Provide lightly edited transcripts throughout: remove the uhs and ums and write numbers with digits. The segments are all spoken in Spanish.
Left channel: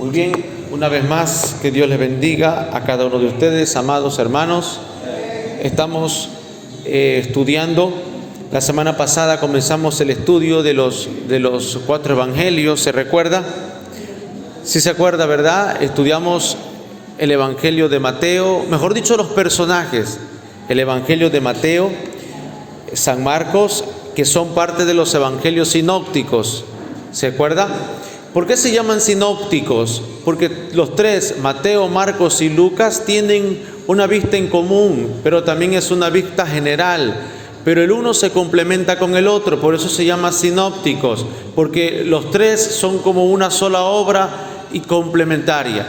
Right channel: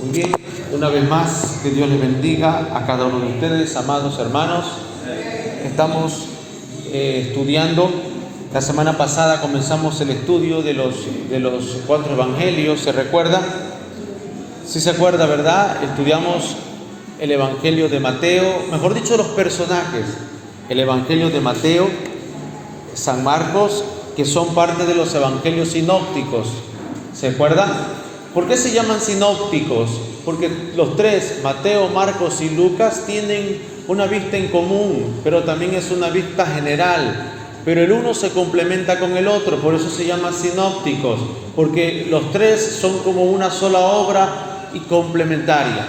Muy bien, una vez más, que Dios les bendiga a cada uno de ustedes, amados hermanos. Estamos estudiando. La semana pasada comenzamos el estudio de los 4 evangelios, ¿se recuerda? Sí se acuerda, ¿verdad? Estudiamos el evangelio de Mateo, mejor dicho, los personajes. El evangelio de Mateo, San Marcos, que son parte de los evangelios sinópticos, ¿se acuerda? ¿Por qué se llaman sinópticos? Porque los tres, Mateo, Marcos y Lucas, tienen una vista en común, pero también es una vista general. Pero el uno se complementa con el otro, por eso se llama sinópticos, porque los tres son como una sola obra y complementaria.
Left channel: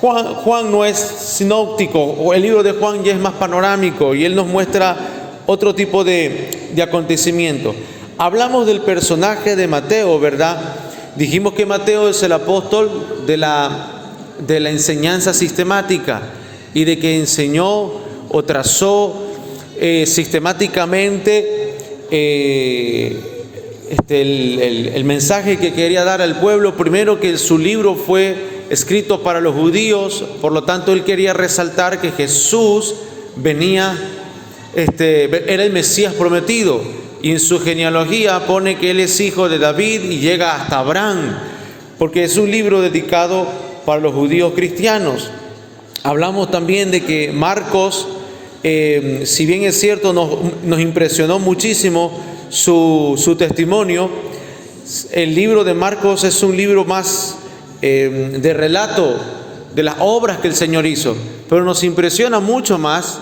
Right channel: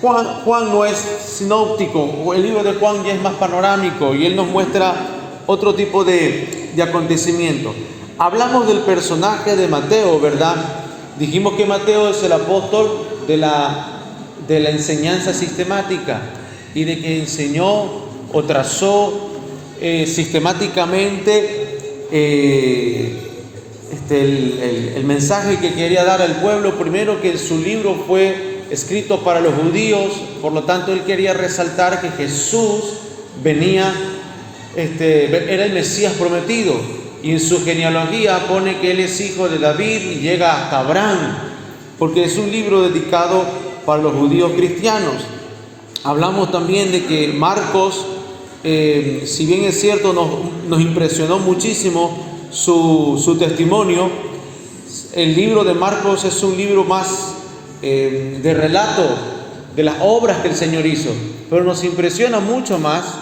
Juan no es sinóptico, o el libro de Juan ya es más panorámico y él nos muestra otro tipo de acontecimiento. Hablamos del personaje de Mateo, ¿verdad? Dijimos que Mateo es el apóstol de la enseñanza sistemática y de que enseñó o trazó sistemáticamente el mensaje que quería dar al pueblo. Primero, que su libro fue escrito para los judíos, por lo tanto él quería resaltar que Jesús venía, era el Mesías prometido. Y en su genealogía pone que él es hijo de David y llega hasta Abraham, porque es un libro dedicado para los judíos cristianos. Hablamos también de que Marcos, si bien es cierto, nos impresionó muchísimo su testimonio, el libro de Marcos es un libro más de relato de las obras que el Señor hizo, pero nos impresiona mucho más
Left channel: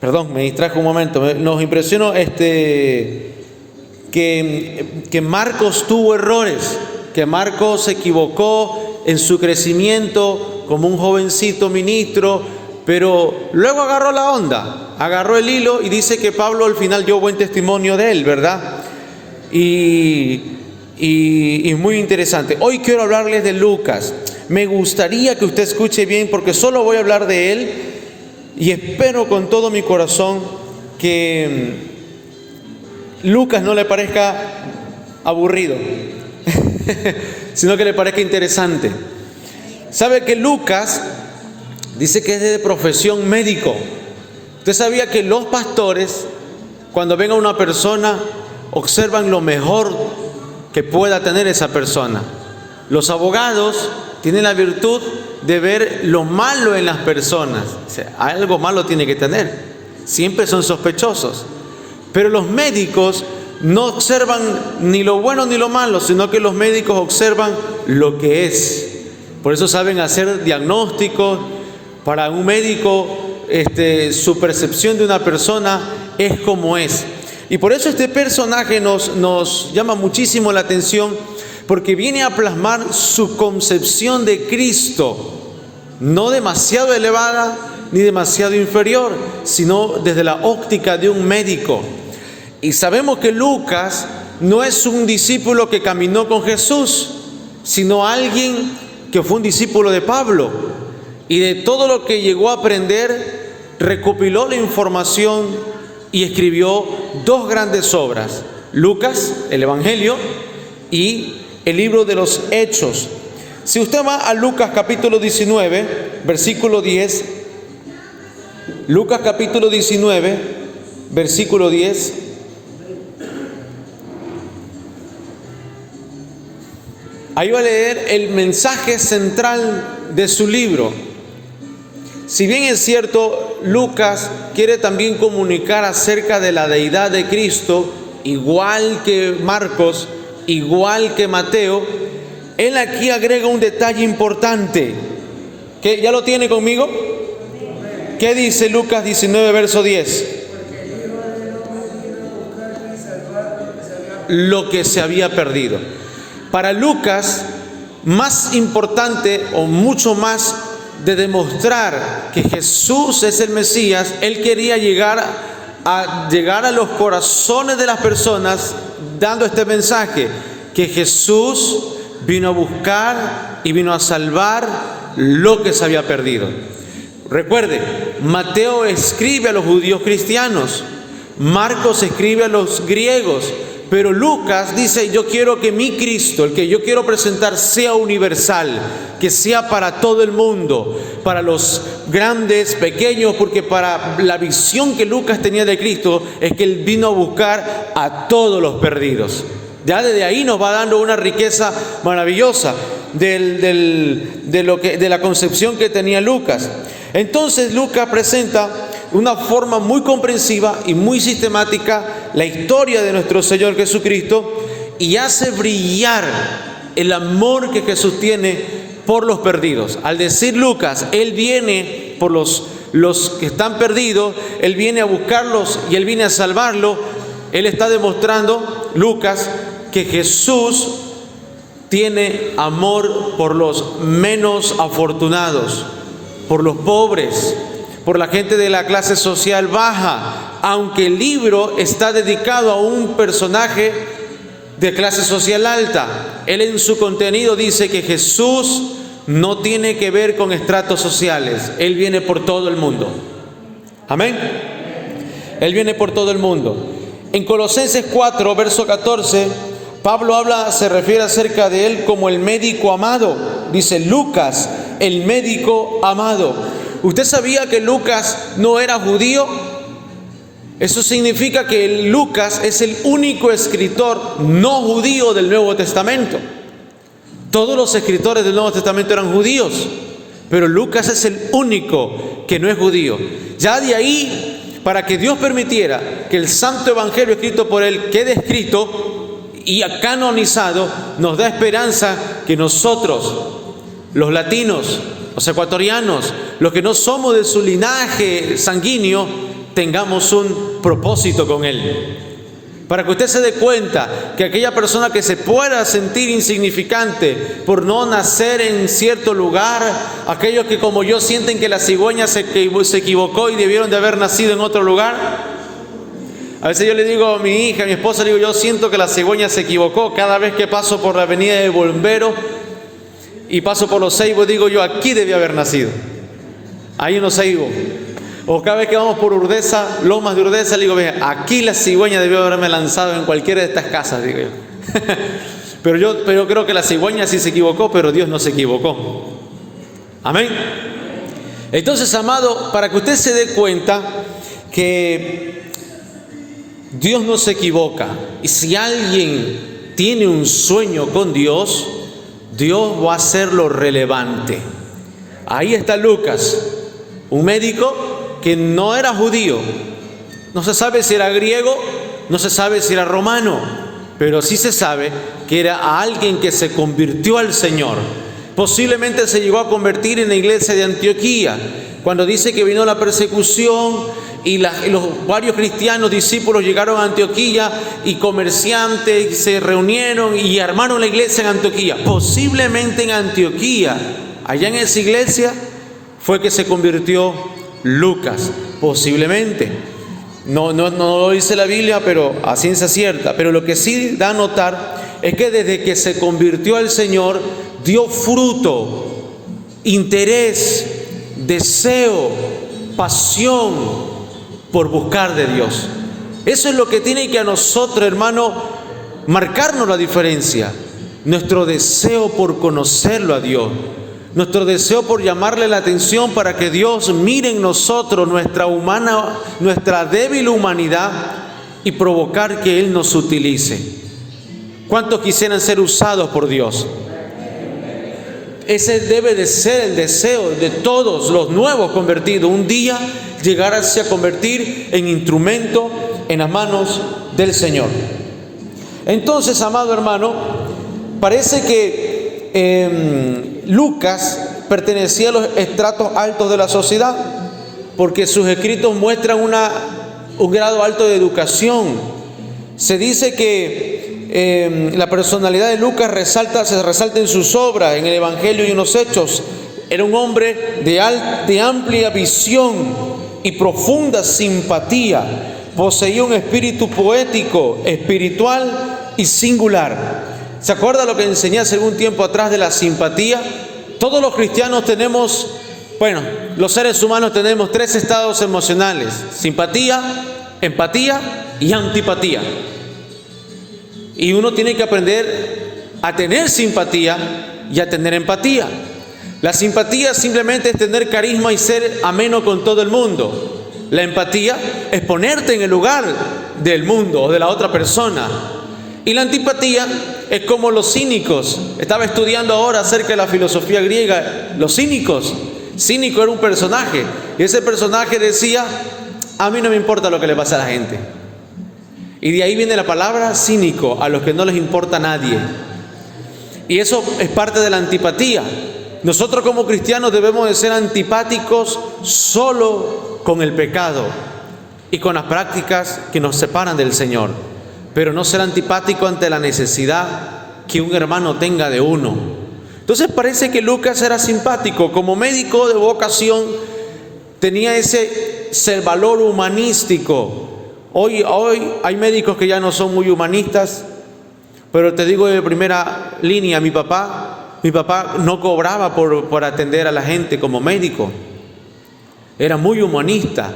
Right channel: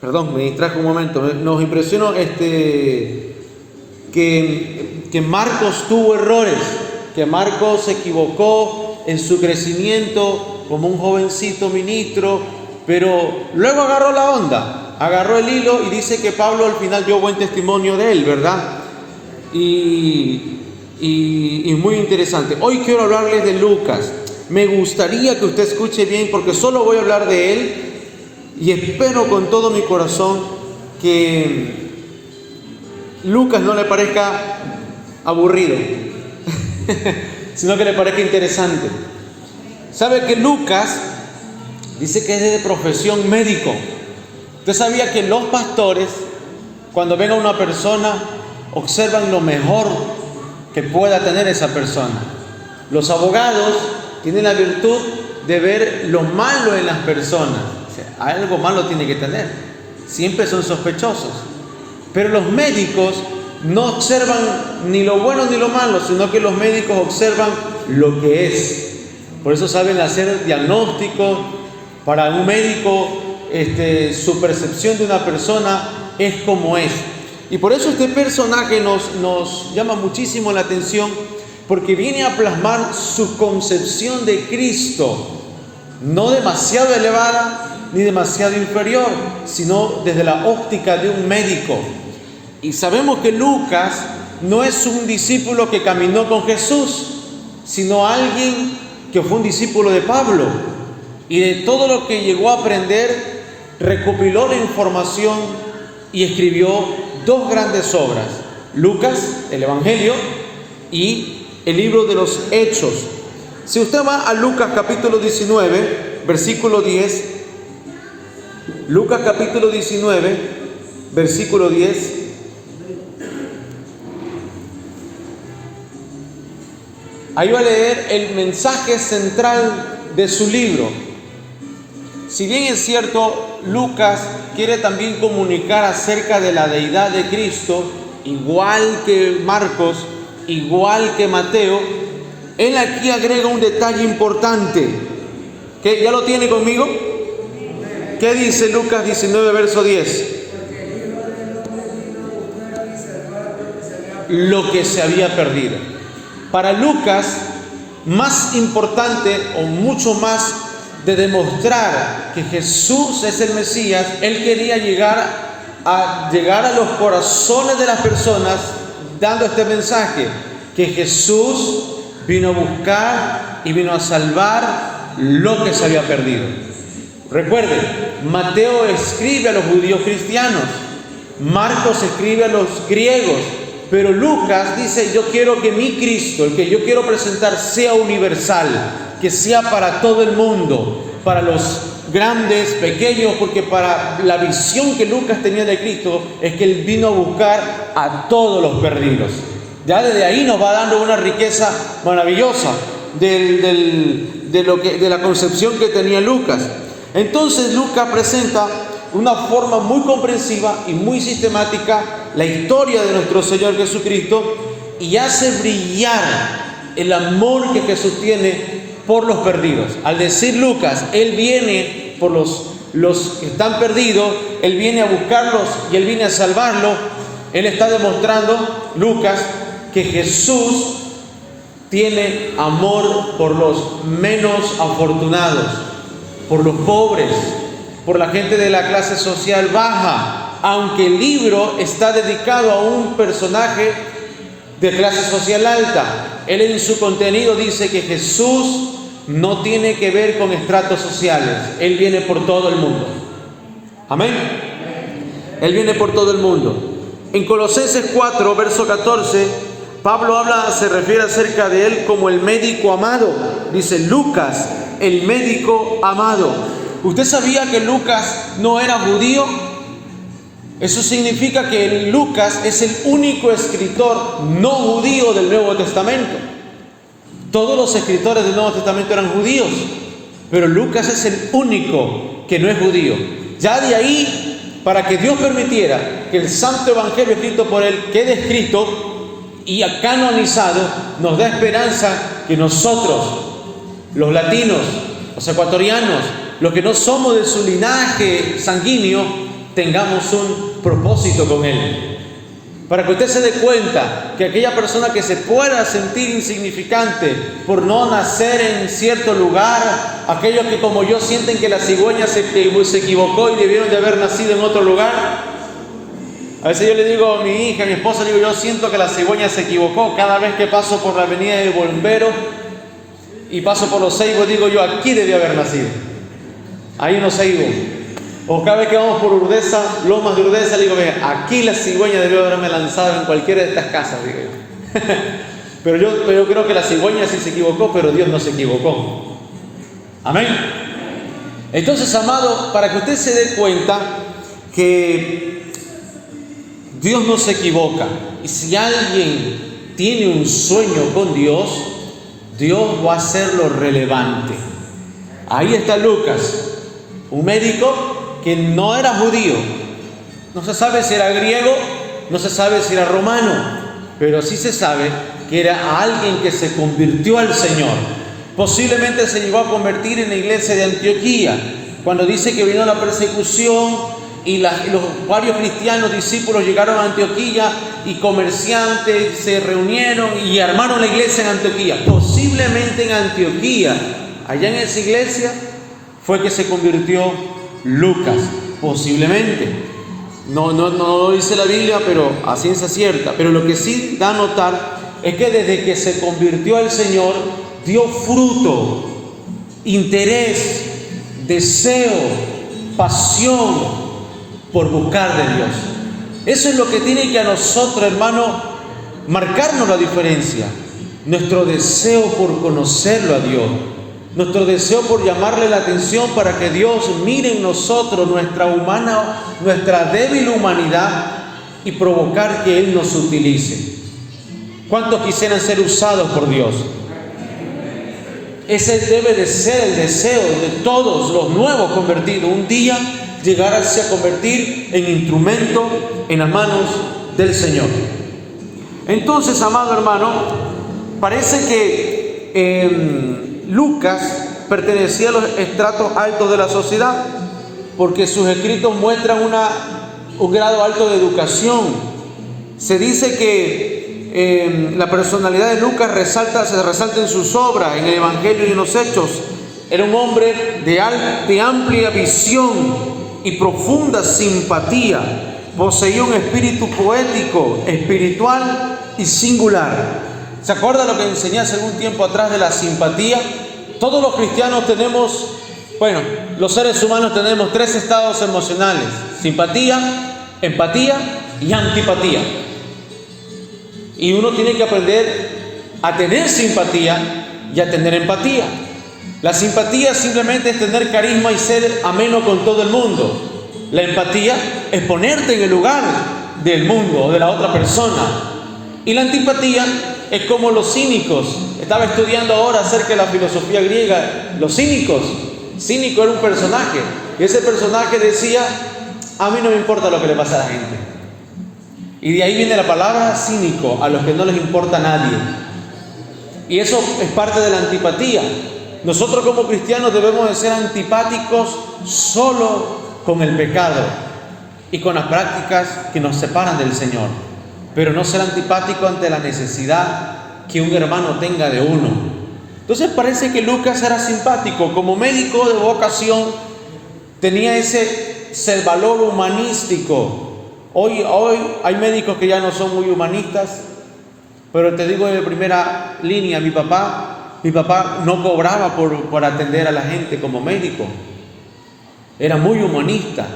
perdón, me distrajo un momento. Nos impresionó que Marcos tuvo errores, que Marcos se equivocó en su crecimiento como un jovencito ministro, pero luego agarró la onda, agarró el hilo y dice que Pablo al final dio buen testimonio de él, ¿verdad? Y muy interesante. Hoy quiero hablarles de Lucas. Me gustaría que usted escuche bien, porque solo voy a hablar de él y espero con todo mi corazón que Lucas no le parezca aburrido, sino que le parezca interesante. ¿Sabe que Lucas dice que es de profesión médico? ¿Usted sabía que los pastores, cuando ven a una persona, observan lo mejor que pueda tener esa persona? Los abogados tienen la virtud de ver lo malo en las personas. O sea, algo malo tiene que tener. Siempre son sospechosos. Pero los médicos no observan ni lo bueno ni lo malo, sino que los médicos observan lo que es. Por eso saben hacer diagnósticos. Para un médico, su percepción de una persona es como es. Y por eso este personaje nos llama muchísimo la atención, porque viene a plasmar su concepción de Cristo, no demasiado elevada ni demasiado inferior, sino desde la óptica de un médico. Y sabemos que Lucas no es un discípulo que caminó con Jesús, sino alguien que fue un discípulo de Pablo, y de todo lo que llegó a aprender, recopiló la información y escribió 2 grandes obras: Lucas, el Evangelio, y el libro de los Hechos. Si usted va a Lucas capítulo 19, versículo 10, Lucas capítulo 19, versículo 10, ahí va a leer el mensaje central de su libro. Si bien es cierto, Lucas quiere también comunicar acerca de la deidad de Cristo, igual que Marcos, igual que Mateo, él aquí agrega un detalle importante. ¿Que ya lo tiene conmigo? ¿Qué dice Lucas 19, verso 10? Lo que se había perdido. Para Lucas, más importante o mucho más de demostrar que Jesús es el Mesías, él quería llegar a los corazones de las personas dando este mensaje, que Jesús vino a buscar y vino a salvar lo que se había perdido. Recuerden, Mateo escribe a los judíos cristianos, Marcos escribe a los griegos, pero Lucas dice, yo quiero que mi Cristo, el que yo quiero presentar, sea universal, que sea para todo el mundo, para los grandes, pequeños, porque para la visión que Lucas tenía de Cristo es que Él vino a buscar a todos los perdidos. Ya desde ahí nos va dando una riqueza maravillosa de la concepción que tenía Lucas. Entonces Lucas presenta una forma muy comprensiva y muy sistemática la historia de nuestro Señor Jesucristo y hace brillar el amor que Jesús tiene por los perdidos. Al decir Lucas, Él viene por los que están perdidos, Él viene a buscarlos y Él viene a salvarlos. Él está demostrando, Lucas, que Jesús tiene amor por los menos afortunados, por los pobres, por la gente de la clase social baja, aunque el libro está dedicado a un personaje de clase social alta. Él en su contenido dice que Jesús no tiene que ver con estratos sociales. Él viene por todo el mundo. Amén. Él viene por todo el mundo. En Colosenses 4, verso 14, Pablo se refiere acerca de él como el médico amado. Dice Lucas, el médico amado. ¿Usted sabía que Lucas no era judío? Eso significa que Lucas es el único escritor no judío del Nuevo Testamento. Todos los escritores del Nuevo Testamento eran judíos, pero Lucas es el único que no es judío. Ya de ahí, para que Dios permitiera que el Santo Evangelio escrito por él quede escrito y canonizado, nos da esperanza que nosotros, los latinos, los ecuatorianos, los que no somos de su linaje sanguíneo, tengamos un propósito con él. Para que usted se dé cuenta que aquella persona que se pueda sentir insignificante por no nacer en cierto lugar, aquellos que como yo sienten que la cigüeña se equivocó y debieron de haber nacido en otro lugar. A veces yo le digo a mi hija, a mi esposa, le digo, yo siento que la cigüeña se equivocó. Cada vez que paso por la avenida del Bombero y paso por los Ceibos, digo yo, aquí debió haber nacido. Hay unos Ceibos. O cada vez que vamos por Urdesa, Lomas de Urdesa, le digo, vea, aquí la cigüeña debió haberme lanzado en cualquiera de estas casas, digo yo. pero yo creo que la cigüeña sí se equivocó, pero Dios no se equivocó. Amén. Entonces, amado, para que usted se dé cuenta que Dios no se equivoca, y si alguien tiene un sueño con Dios, Dios va a hacerlo relevante. Ahí está Lucas, un médico que no era judío, no se sabe si era griego, no se sabe si era romano, pero sí se sabe que era alguien que se convirtió al Señor. Posiblemente se llegó a convertir en la iglesia de Antioquía, cuando dice que vino la persecución y los varios cristianos discípulos llegaron a Antioquía y comerciantes se reunieron y armaron la iglesia en Antioquía. Posiblemente en Antioquía, allá en esa iglesia, fue que se convirtió Lucas, posiblemente. No lo dice la Biblia, pero a ciencia cierta. Pero lo que sí da a notar es que desde que se convirtió al Señor, dio fruto, interés, deseo, pasión por buscar de Dios. Eso es lo que tiene que a nosotros, hermano, marcarnos la diferencia. Nuestro deseo por conocerlo a Dios. Nuestro deseo por llamarle la atención para que Dios mire en nosotros nuestra débil humanidad y provocar que Él nos utilice. ¿Cuántos quisieran ser usados por Dios? Ese debe de ser el deseo de todos los nuevos convertidos. Un día llegarse a convertir en instrumento en las manos del Señor. Entonces, amado hermano, parece que Lucas pertenecía a los estratos altos de la sociedad, porque sus escritos muestran un grado alto de educación. Se dice que la personalidad de Lucas se resalta en sus obras, en el Evangelio y en los Hechos. Era un hombre de amplia visión y profunda simpatía. Poseía un espíritu poético, espiritual y singular. ¿Se acuerda lo que enseñé hace algún tiempo atrás de la simpatía? Todos los cristianos tenemos, los seres humanos tenemos 3 estados emocionales: simpatía, empatía y antipatía. Y uno tiene que aprender a tener simpatía y a tener empatía. La simpatía simplemente es tener carisma y ser ameno con todo el mundo. La empatía es ponerte en el lugar del mundo o de la otra persona. Y la antipatía es como los cínicos. Estaba estudiando ahora acerca de la filosofía griega. Los cínicos. Cínico era un personaje. Y ese personaje decía: a mí no me importa lo que le pasa a la gente. Y de ahí viene la palabra cínico, a los que no les importa a nadie. Y eso es parte de la antipatía. Nosotros como cristianos debemos de ser antipáticos solo con el pecado y con las prácticas que nos separan del Señor, pero no ser antipático ante la necesidad que un hermano tenga de uno. Entonces parece que Lucas era simpático. Como médico de vocación tenía ese valor humanístico. Hoy hay médicos que ya no son muy humanistas, pero te digo de primera línea, mi papá no cobraba por atender a la gente como médico. Era muy humanista.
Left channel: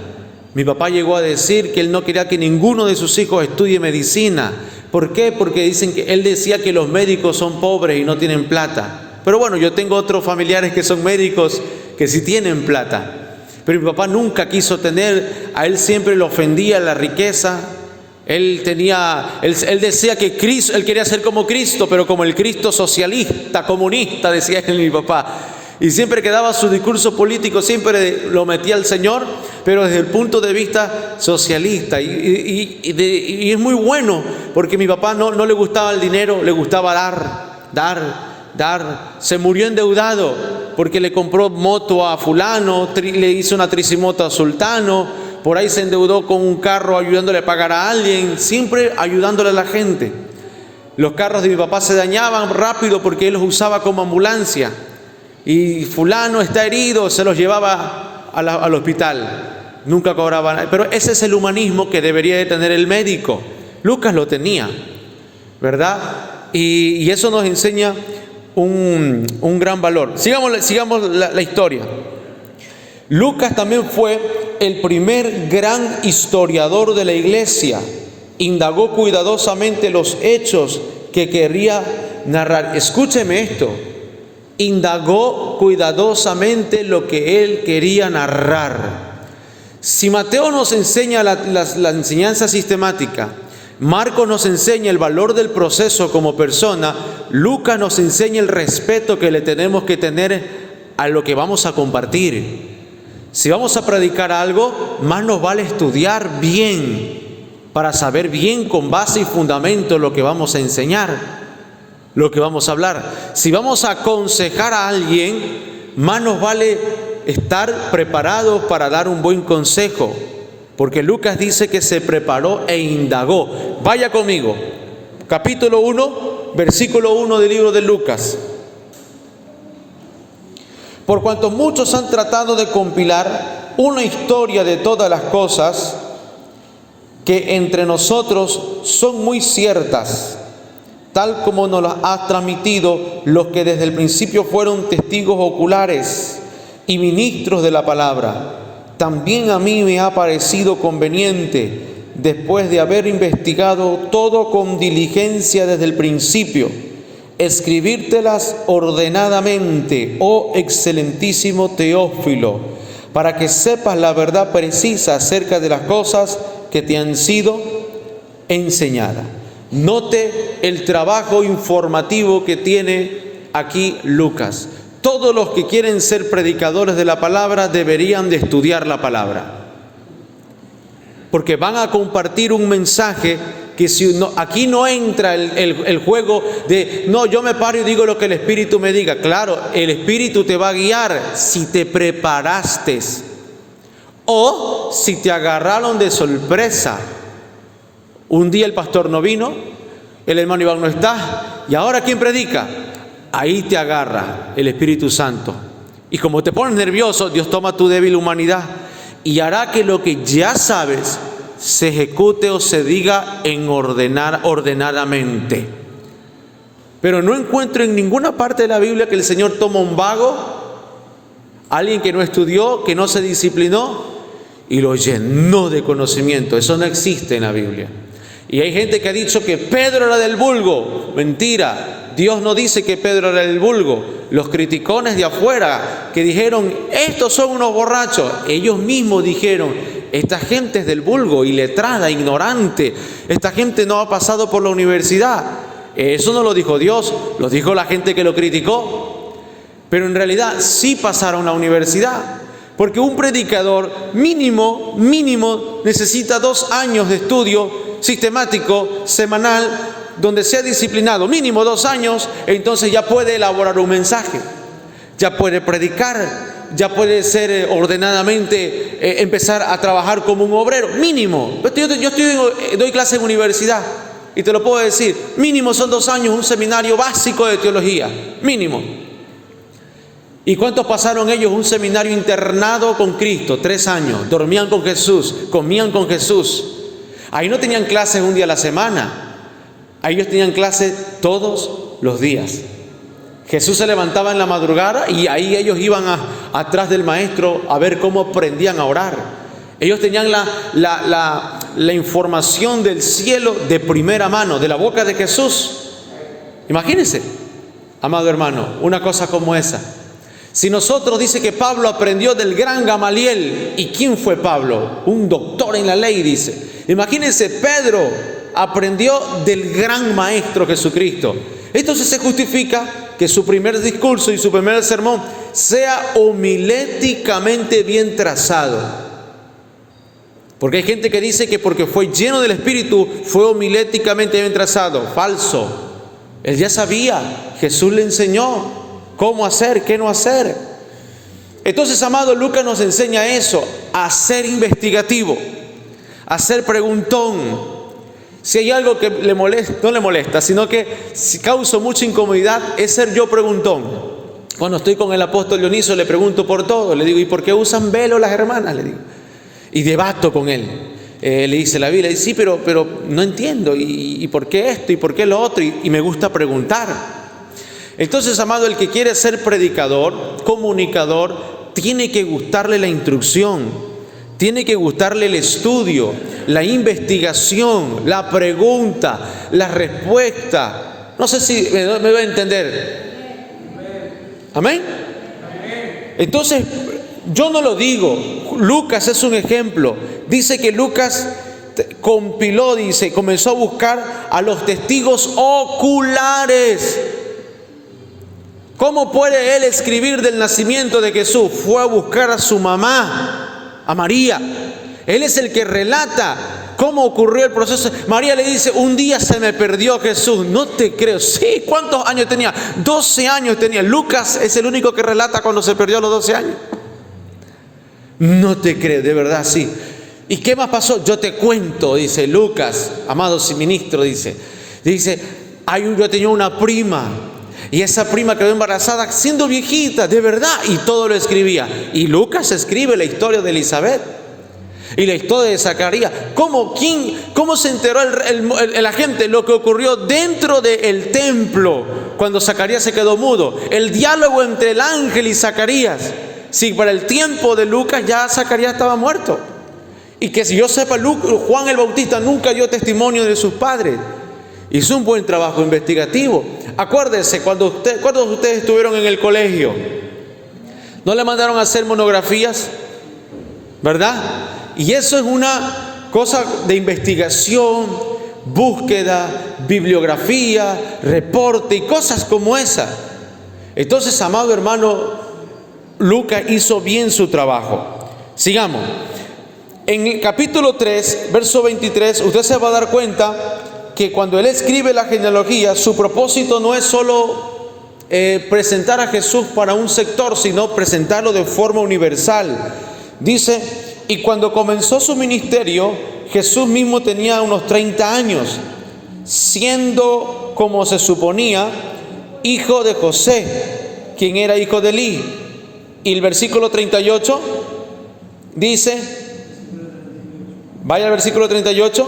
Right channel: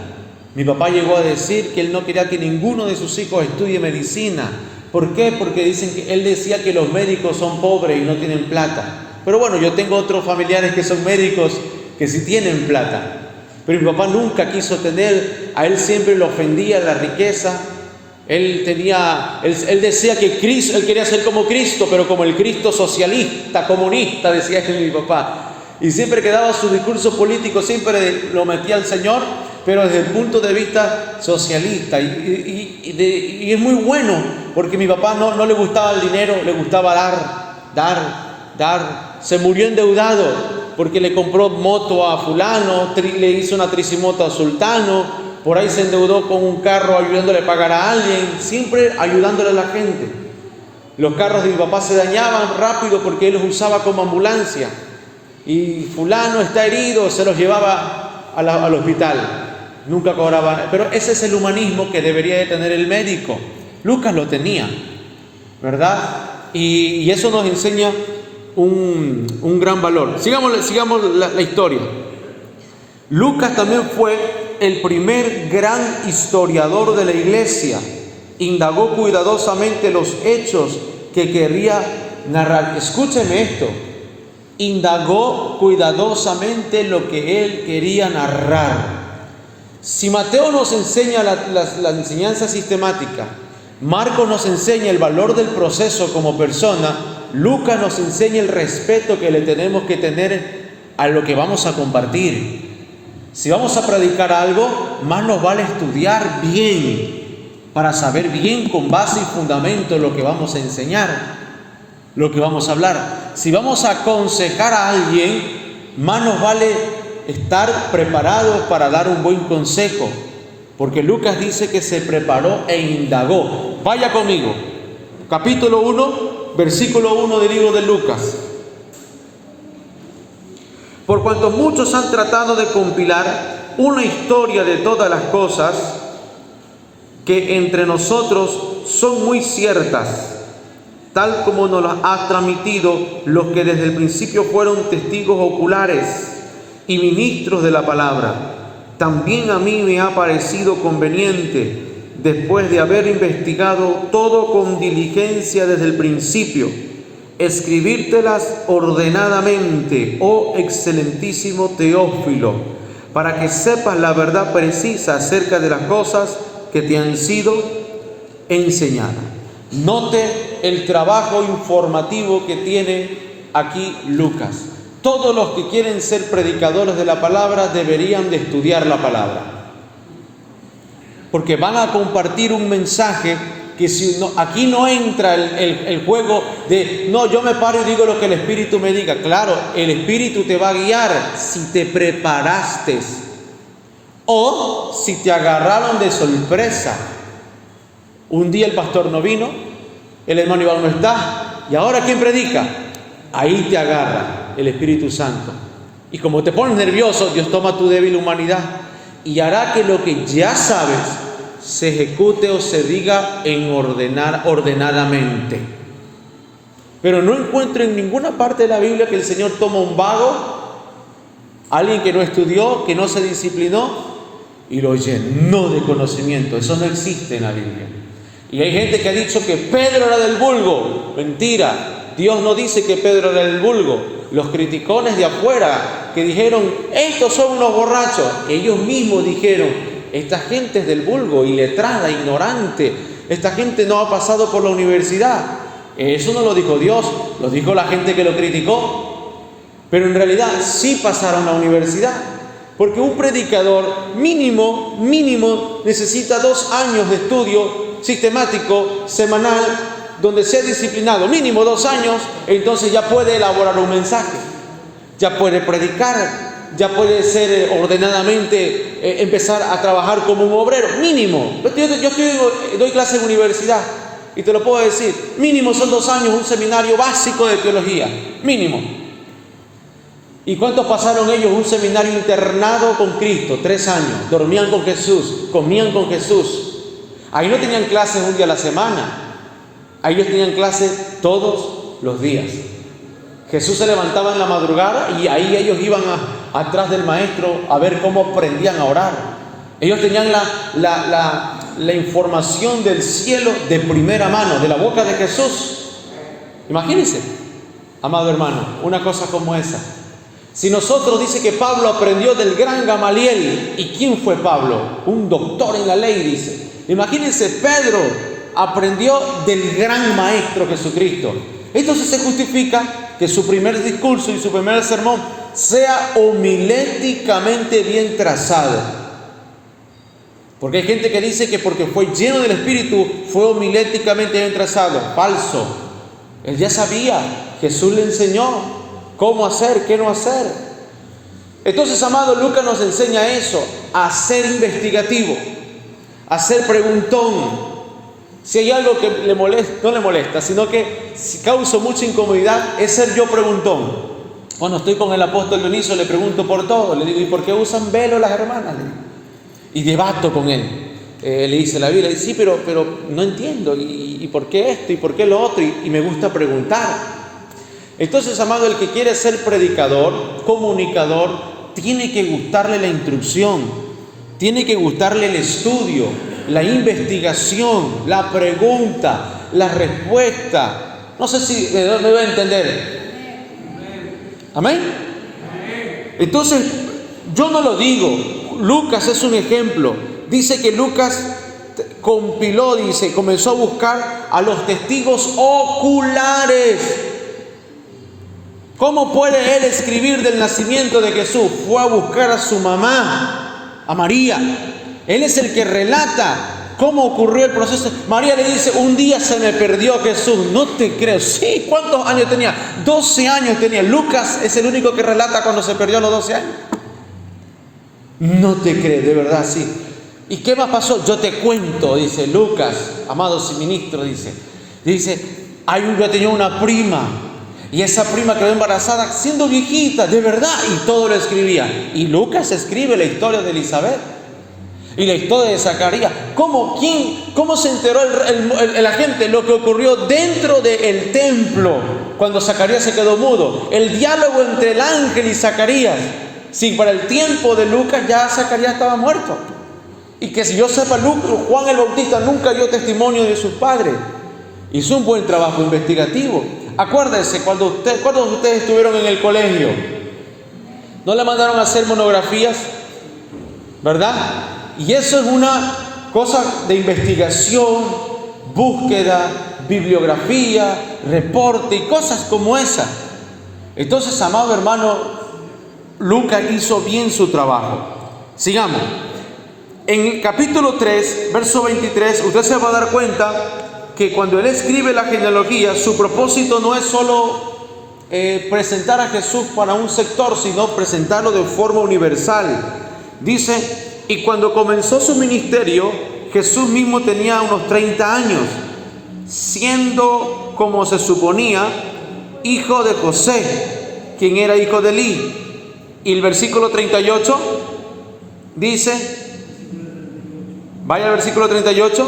Mi papá llegó a decir que él no quería que ninguno de sus hijos estudie medicina. ¿Por qué? Porque dicen que él decía que los médicos son pobres y no tienen plata. Pero bueno, yo tengo otros familiares que son médicos que sí tienen plata. Pero mi papá nunca quiso tener, a él siempre le ofendía la riqueza. Él decía que Cristo, él quería ser como Cristo, pero como el Cristo socialista, comunista, decía él, mi papá. Y siempre que daba su discurso político, siempre lo metía al Señor, pero desde el punto de vista socialista. Y es muy bueno, porque a mi papá no le gustaba el dinero, le gustaba dar. Se murió endeudado porque le compró moto a fulano, le hizo una tricimoto a sultano. Por ahí se endeudó con un carro ayudándole a pagar a alguien, siempre ayudándole a la gente. Los carros de mi papá se dañaban rápido porque él los usaba como ambulancia. Y fulano está herido, se los llevaba al hospital. Nunca cobraba. Pero ese es el humanismo que debería de tener el médico. Lucas lo tenía, ¿verdad? Y eso nos enseña un gran valor. Sigamos la historia. Lucas también fue el primer gran historiador de la iglesia. Indagó cuidadosamente los hechos que quería narrar. Escúcheme esto. Indagó cuidadosamente lo que él quería narrar. Si Mateo nos enseña la enseñanza sistemática, Marcos nos enseña el valor del proceso como persona, Lucas nos enseña el respeto que le tenemos que tener a lo que vamos a compartir. Si vamos a predicar algo, más nos vale estudiar bien para saber bien con base y fundamento lo que vamos a enseñar, lo que vamos a hablar. Si vamos a aconsejar a alguien, más nos vale estar preparados para dar un buen consejo, porque Lucas dice que se preparó e indagó. Vaya conmigo, capítulo 1, versículo 1 del libro de Lucas. Por cuanto muchos han tratado de compilar una historia de todas las cosas que entre nosotros son muy ciertas, tal como nos las ha transmitido los que desde el principio fueron testigos oculares y ministros de la palabra, también a mí me ha parecido conveniente, después de haber investigado todo con diligencia desde el principio, escribírtelas ordenadamente, oh excelentísimo Teófilo, para que sepas la verdad precisa acerca de las cosas que te han sido enseñadas. Note el trabajo informativo que tiene aquí Lucas. Todos los que quieren ser predicadores de la palabra deberían de estudiar la palabra, porque van a compartir un mensaje que aquí no entra el juego de, no, yo me paro y digo lo que el Espíritu me diga. Claro, el Espíritu te va a guiar si te preparaste o si te agarraron de sorpresa. Un día el pastor no vino, el hermano Iván no está, y ahora ¿quién predica? Ahí te agarra el Espíritu Santo. Y como te pones nervioso, Dios toma tu débil humanidad y hará que lo que ya sabes se ejecute o se diga ordenadamente. Pero no encuentro en ninguna parte de la Biblia que el Señor toma un vago, alguien que no estudió, que no se disciplinó, y lo llenó de conocimiento. Eso no existe en la Biblia. Y hay gente que ha dicho que Pedro era del vulgo. Mentira. Dios no dice que Pedro era del vulgo. Los criticones de afuera que dijeron, estos son unos borrachos, ellos mismos dijeron, esta gente es del vulgo, iletrada, ignorante. Esta gente no ha pasado por la universidad. Eso no lo dijo Dios, lo dijo la gente que lo criticó. Pero en realidad sí pasaron la universidad. Porque un predicador mínimo necesita 2 años de estudio sistemático, semanal, donde sea disciplinado, mínimo 2 años, entonces ya puede elaborar un mensaje, ya puede predicar, ya puede ser ordenadamente, empezar a trabajar como un obrero, mínimo. Yo doy clase en universidad y te lo puedo decir, mínimo son 2 años, un seminario básico de teología, mínimo. ¿Y cuántos pasaron ellos un seminario internado con Cristo? 3 años, dormían con Jesús, comían con Jesús. Ahí no tenían clases un día a la semana, ahí ellos tenían clases todos los días. Jesús se levantaba en la madrugada y ahí ellos iban atrás del maestro a ver cómo aprendían a orar. Ellos tenían la información del cielo de primera mano, de la boca de Jesús. Imagínense, amado hermano, una cosa como esa. Si nosotros dice que Pablo aprendió del gran Gamaliel, ¿y quién fue Pablo? Un doctor en la ley, dice. Imagínense, Pedro aprendió del gran maestro Jesucristo. Entonces se justifica que su primer discurso y su primer sermón sea homiléticamente bien trazado. Porque hay gente que dice que porque fue lleno del Espíritu fue homiléticamente bien trazado. Falso. Él ya sabía, Jesús le enseñó cómo hacer, qué no hacer. Entonces, amado, Lucas nos enseña eso, a ser investigativo, a ser preguntón. Si hay algo que le molesta, no le molesta, sino que si causa mucha incomodidad, es ser yo preguntón. Cuando estoy con el apóstol Dioniso, le pregunto por todo. Le digo, ¿y por qué usan velo las hermanas? Le digo. Y debato con él. Le dice la Biblia, sí, pero no entiendo. ¿Y por qué esto? ¿Y por qué lo otro? Y me gusta preguntar. Entonces, amado, el que quiere ser predicador, comunicador, tiene que gustarle la instrucción, tiene que gustarle el estudio, la investigación, la pregunta, la respuesta. No sé si me va a entender. ¿Amén? Entonces, yo no lo digo. Lucas es un ejemplo. Dice que Lucas compiló, comenzó a buscar a los testigos oculares. ¿Cómo puede él escribir del nacimiento de Jesús? Fue a buscar a su mamá, a María. Él es el que relata cómo ocurrió el proceso. María le dice, un día se me perdió Jesús. No te creo. Sí, ¿cuántos años tenía? 12 años tenía. Lucas es el único que relata cuando se perdió a los 12 años. No te creo, de verdad, sí. ¿Y qué más pasó? Yo te cuento, dice Lucas, amado ministro, dice, yo tenía una prima. Y esa prima quedó embarazada siendo viejita, de verdad, y todo lo escribía. Y Lucas escribe la historia de Elizabeth y la historia de Zacarías. ¿Cómo se enteró la gente lo que ocurrió dentro del templo cuando Zacarías se quedó mudo? El diálogo entre el ángel y Zacarías. Sí, para el tiempo de Lucas ya Zacarías estaba muerto. Y que si yo sepa, Juan el Bautista nunca dio testimonio de sus padres. Hizo un buen trabajo investigativo. Acuérdense, cuando ustedes estuvieron en el colegio, ¿no le mandaron a hacer monografías? ¿Verdad? Y eso es una cosa de investigación, búsqueda, bibliografía, reporte y cosas como esa. Entonces, amado hermano, Lucas hizo bien su trabajo. Sigamos. En el capítulo 3, verso 23, usted se va a dar cuenta que cuando él escribe la genealogía, su propósito no es solo presentar a Jesús para un sector, sino presentarlo de forma universal. Dice, y cuando comenzó su ministerio, Jesús mismo tenía unos 30 años, siendo, como se suponía, hijo de José, quien era hijo de Elí. Y el versículo 38 dice, vaya al versículo 38,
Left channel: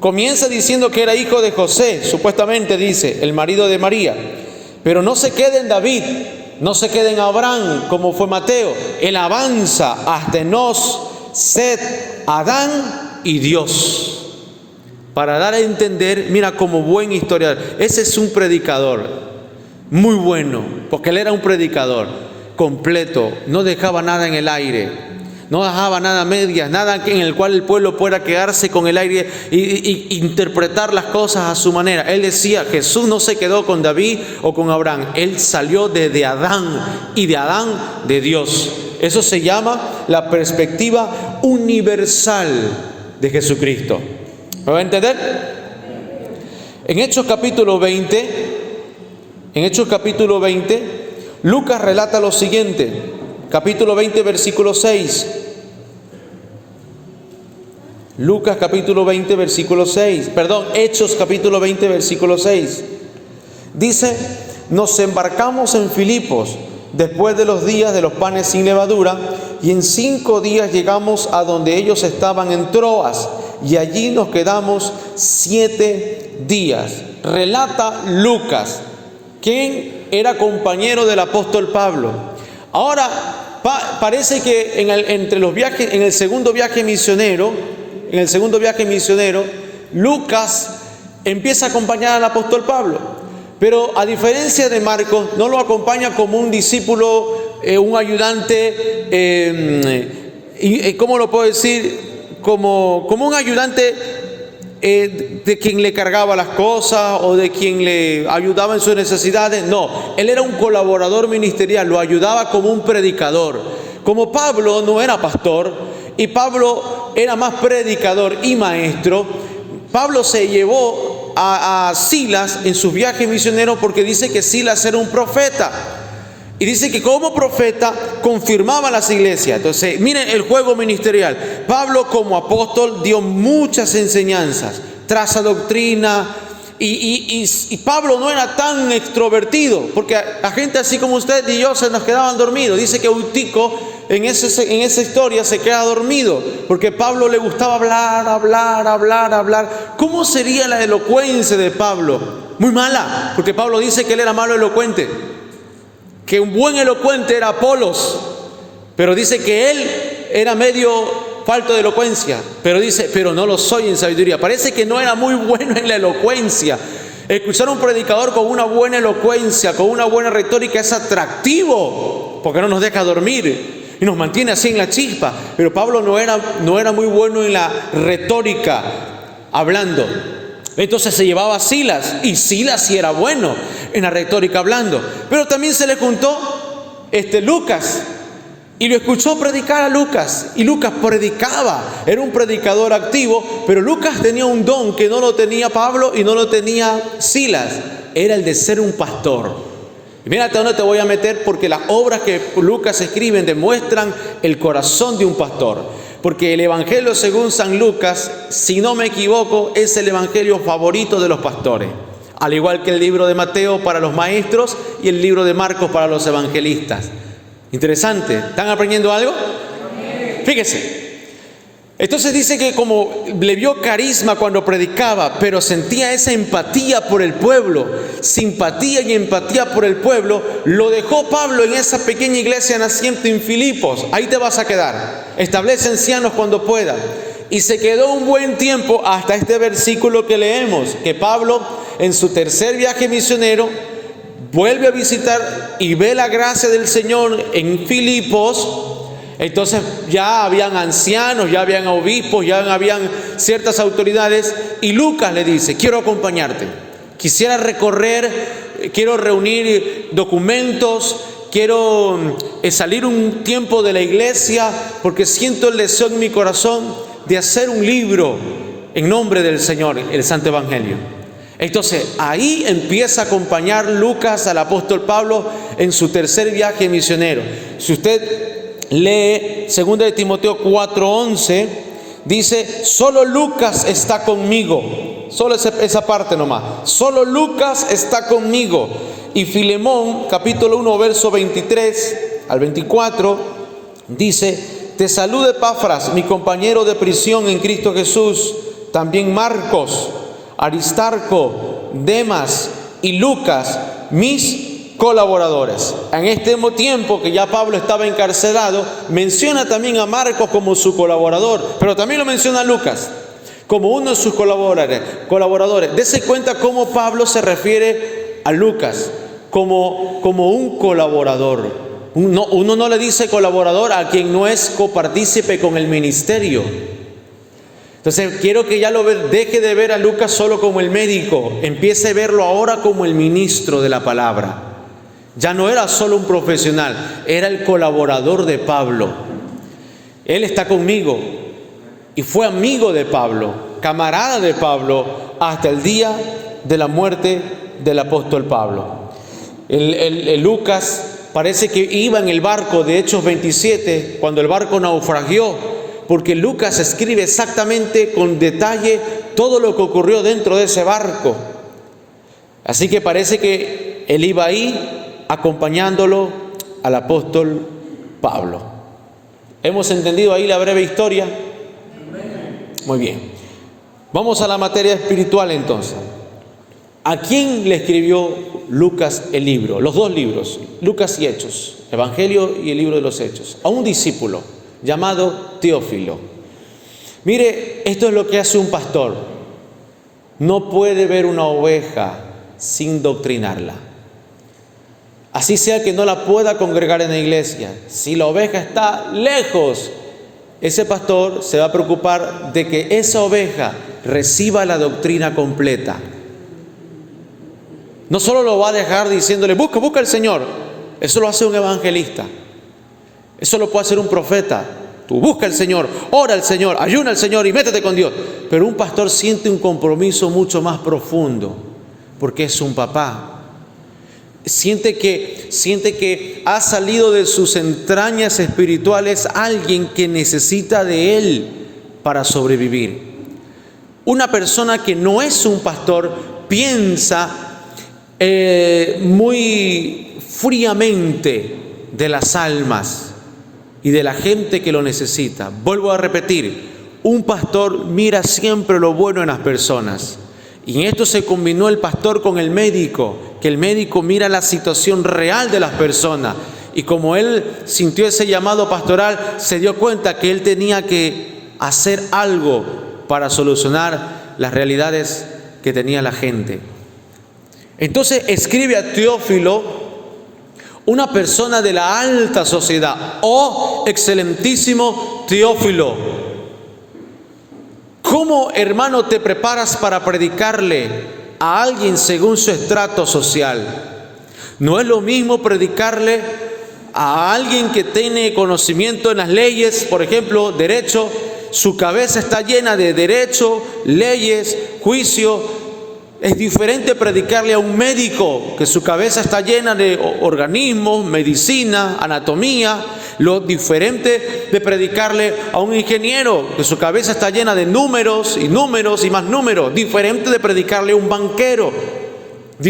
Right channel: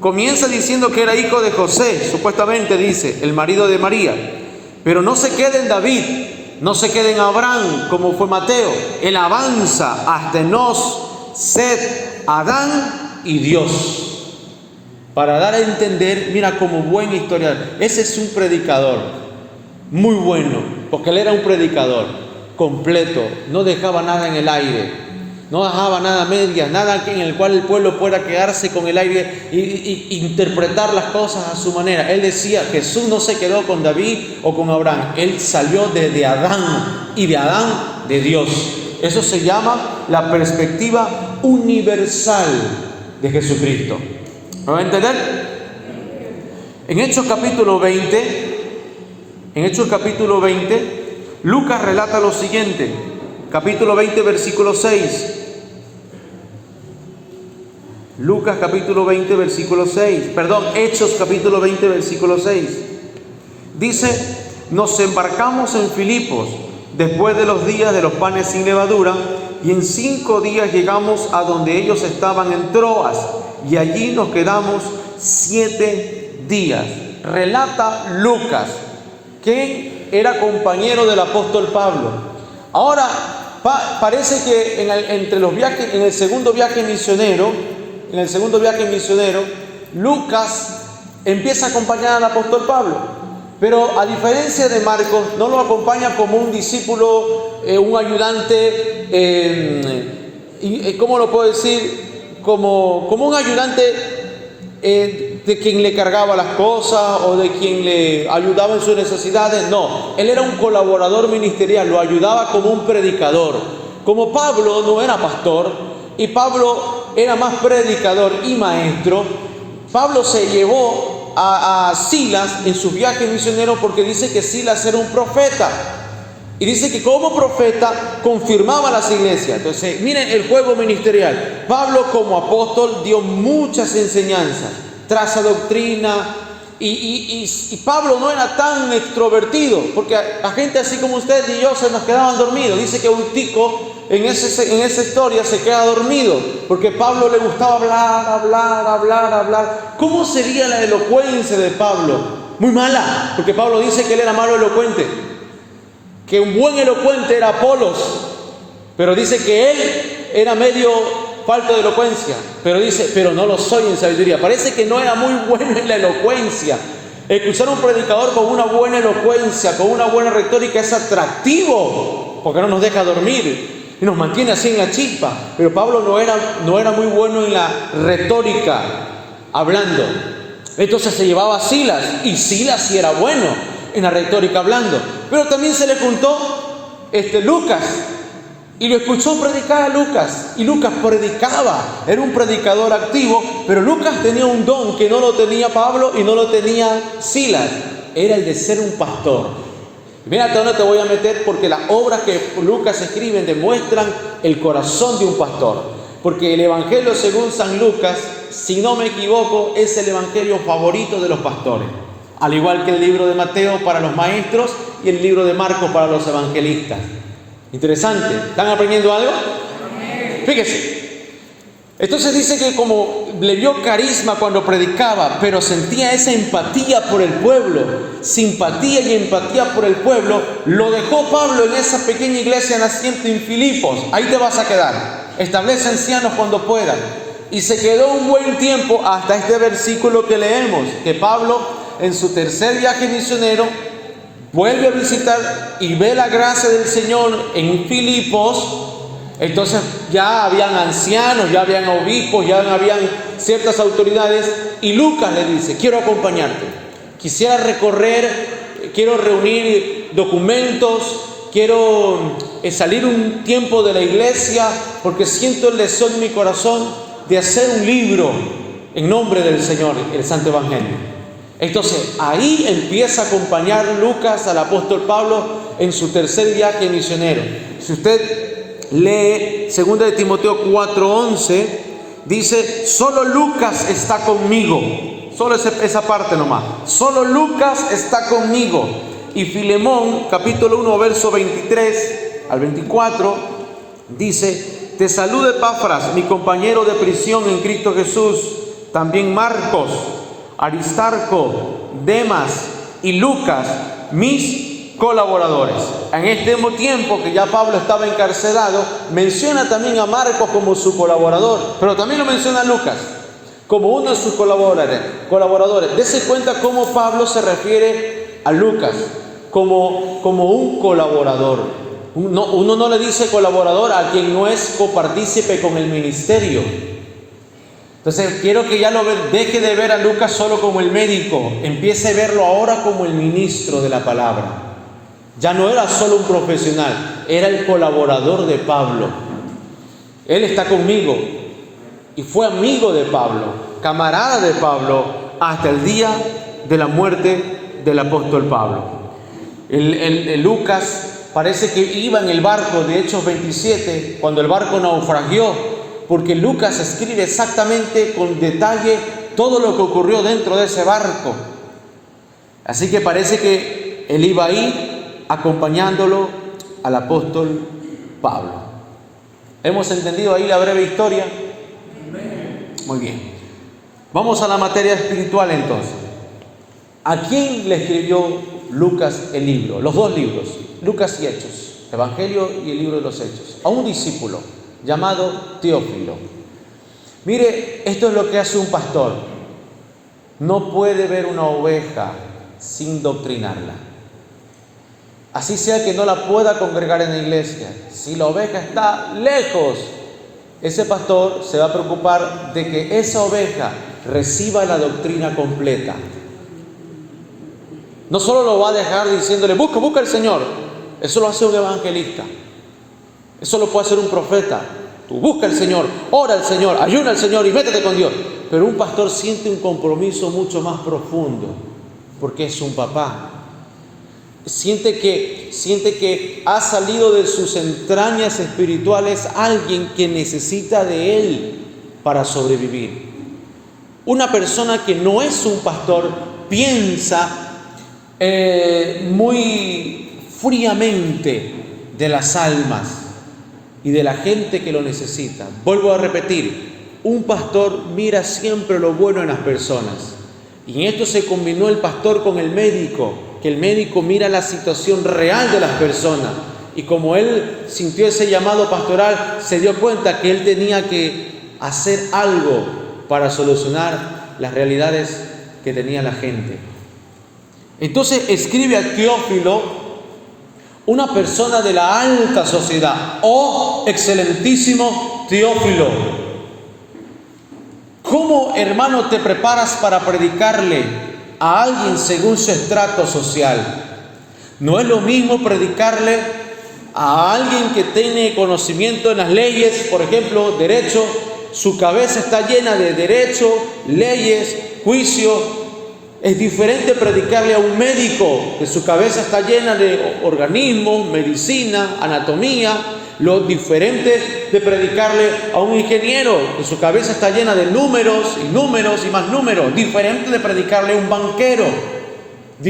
comienza diciendo que era hijo de José, supuestamente dice, el marido de María. Pero no se queda en David, no se queda en Abraham, como fue Mateo. Él avanza hasta Enos, Seth, Adán y Dios. Para dar a entender, mira, como buen historiador, ese es un predicador muy bueno, porque él era un predicador completo, no dejaba nada en el aire, no dejaba nada a medias, nada en el cual el pueblo pueda quedarse con el aire y interpretar las cosas a su manera. Él decía, Jesús no se quedó con David o con Abraham, él salió de Adán, y de Adán de Dios. Eso se llama la perspectiva universal de Jesucristo. ¿Me va a entender? En Hechos capítulo 20, Lucas relata lo siguiente. Capítulo 20, versículo 6. Lucas capítulo 20, versículo 6. Perdón, Hechos capítulo 20, versículo 6. Dice, nos embarcamos en Filipos después de los días de los panes sin levadura, y en 5 días llegamos a donde ellos estaban en Troas, y allí nos quedamos 7 días. Relata Lucas, quien era compañero del apóstol Pablo. Ahora, parece que entre los viajes, en el segundo viaje misionero, Lucas empieza a acompañar al apóstol Pablo. Pero a diferencia de Marcos, no lo acompaña como un discípulo, un ayudante, ¿cómo lo puedo decir? Como un ayudante de quien le cargaba las cosas o de quien le ayudaba en sus necesidades. No, él era un colaborador ministerial, lo ayudaba como un predicador. Como Pablo no era pastor y Pablo era más predicador y maestro, Pablo se llevó a Silas en sus viajes misioneros, porque dice que Silas era un profeta. Y dice que como profeta confirmaba las iglesias. Entonces, miren el juego ministerial. Pablo como apóstol dio muchas enseñanzas, traza doctrina. Y Pablo no era tan extrovertido, porque a gente así como usted y yo se nos quedaban dormidos. Dice que Eutico en esa historia se queda dormido, porque Pablo le gustaba hablar. ¿Cómo sería la elocuencia de Pablo? Muy mala, porque Pablo dice que él era malo elocuente, que un buen elocuente era Apolos, pero dice que él era medio falto de elocuencia, pero dice, pero no lo soy en sabiduría. Parece que no era muy bueno en la elocuencia. Escuchar a un predicador con una buena elocuencia, con una buena retórica, es atractivo, porque no nos deja dormir y nos mantiene así en la chispa. Pero Pablo no era muy bueno en la retórica, hablando. Entonces se llevaba a Silas, y Silas sí era bueno en la retórica hablando. Pero también se le juntó Lucas, y lo escuchó predicar a Lucas, y Lucas predicaba, era un predicador activo. Pero Lucas tenía un don que no lo tenía Pablo y no lo tenía Silas, era el de ser un pastor. Y mira hasta dónde te voy a meter, porque las obras que Lucas escribe demuestran el corazón de un pastor. Porque el evangelio según San Lucas, si no me equivoco, es el evangelio favorito de los pastores, al igual que el libro de Mateo para los maestros y el libro de Marcos para los evangelistas. Interesante. ¿Están aprendiendo algo? Fíjese. Entonces dice que como le vio carisma cuando predicaba, pero sentía esa empatía por el pueblo, simpatía y empatía por el pueblo, lo dejó Pablo en esa pequeña iglesia naciente en Filipos. Ahí te vas a quedar. Establece ancianos cuando puedan. Y se quedó un buen tiempo hasta este versículo que leemos, que Pablo en su tercer viaje misionero vuelve a visitar y ve la gracia del Señor en Filipos. Entonces ya habían ancianos, ya habían obispos, ya habían ciertas autoridades, y Lucas le dice: quiero acompañarte, quisiera recorrer, quiero reunir documentos, quiero salir un tiempo de la iglesia, porque siento el deseo en mi corazón de hacer un libro en nombre del Señor, el Santo Evangelio. Entonces ahí empieza a acompañar Lucas al apóstol Pablo en su tercer viaje misionero. Si usted lee 2 de Timoteo 4:11, dice: solo Lucas está conmigo. Solo esa parte nomás. Solo Lucas está conmigo. Y Filemón, capítulo 1, verso 23 al 24, dice: te saluda Epafras, mi compañero de prisión en Cristo Jesús, también Marcos, Aristarco, Demas y Lucas, mis colaboradores. En este mismo tiempo que ya Pablo estaba encarcelado, menciona también a Marcos como su colaborador, pero también lo menciona a Lucas como uno de sus colaboradores. Dese cuenta cómo Pablo se refiere a Lucas como un colaborador. Uno no le dice colaborador a quien no es copartícipe con el ministerio. Entonces quiero que ya deje de ver a Lucas solo como el médico, empiece a verlo ahora como el ministro de la palabra. Ya no era solo un profesional, era el colaborador de Pablo. Él está conmigo y fue amigo de Pablo, camarada de Pablo, hasta el día de la muerte del apóstol Pablo. Lucas parece que iba en el barco de Hechos 27 cuando el barco naufragió, porque Lucas escribe exactamente con detalle todo lo que ocurrió dentro de ese barco. Así que parece que él iba ahí acompañándolo al apóstol Pablo. ¿Hemos entendido ahí la breve historia? Muy bien. Vamos a la materia espiritual entonces. ¿A quién le escribió Lucas el libro? Los dos libros, Lucas y Hechos, Evangelio y el libro de los Hechos. A un discípulo llamado Teófilo. Mire, esto es lo que hace un pastor. No puede ver una oveja sin doctrinarla. Así sea que no la pueda congregar en la iglesia. Si la oveja está lejos, ese pastor se va a preocupar de que esa oveja reciba la doctrina completa. No solo lo va a dejar diciéndole, busca al Señor. Eso lo hace un evangelista. Eso lo puede hacer un profeta. Tú busca al Señor, ora al Señor, ayuna al Señor y métete con Dios. Pero un pastor siente un compromiso mucho más profundo, porque es un papá. Siente que ha salido de sus entrañas espirituales alguien que necesita de él para sobrevivir. Una persona que no es un pastor piensa muy fríamente de las almas y de la gente que lo necesita. Vuelvo a repetir, un pastor mira siempre lo bueno en las personas. Y en esto se combinó el pastor con el médico, que el médico mira la situación real de las personas. Y como él sintió ese llamado pastoral, se dio cuenta que él tenía que hacer algo para solucionar las realidades que tenía la gente. Entonces escribe a Teófilo, una persona de la alta sociedad. Oh, excelentísimo Teófilo, ¿cómo, hermano, te preparas para predicarle a alguien según su estrato social? No es lo mismo predicarle a alguien que tiene conocimiento en las leyes, por ejemplo, derecho, su cabeza está llena de derecho, leyes, juicio. Es diferente predicarle a un médico que su cabeza está llena de organismos, medicina, anatomía. Lo diferente de predicarle a un ingeniero que su cabeza está llena de números y más números. Diferente de predicarle a un banquero.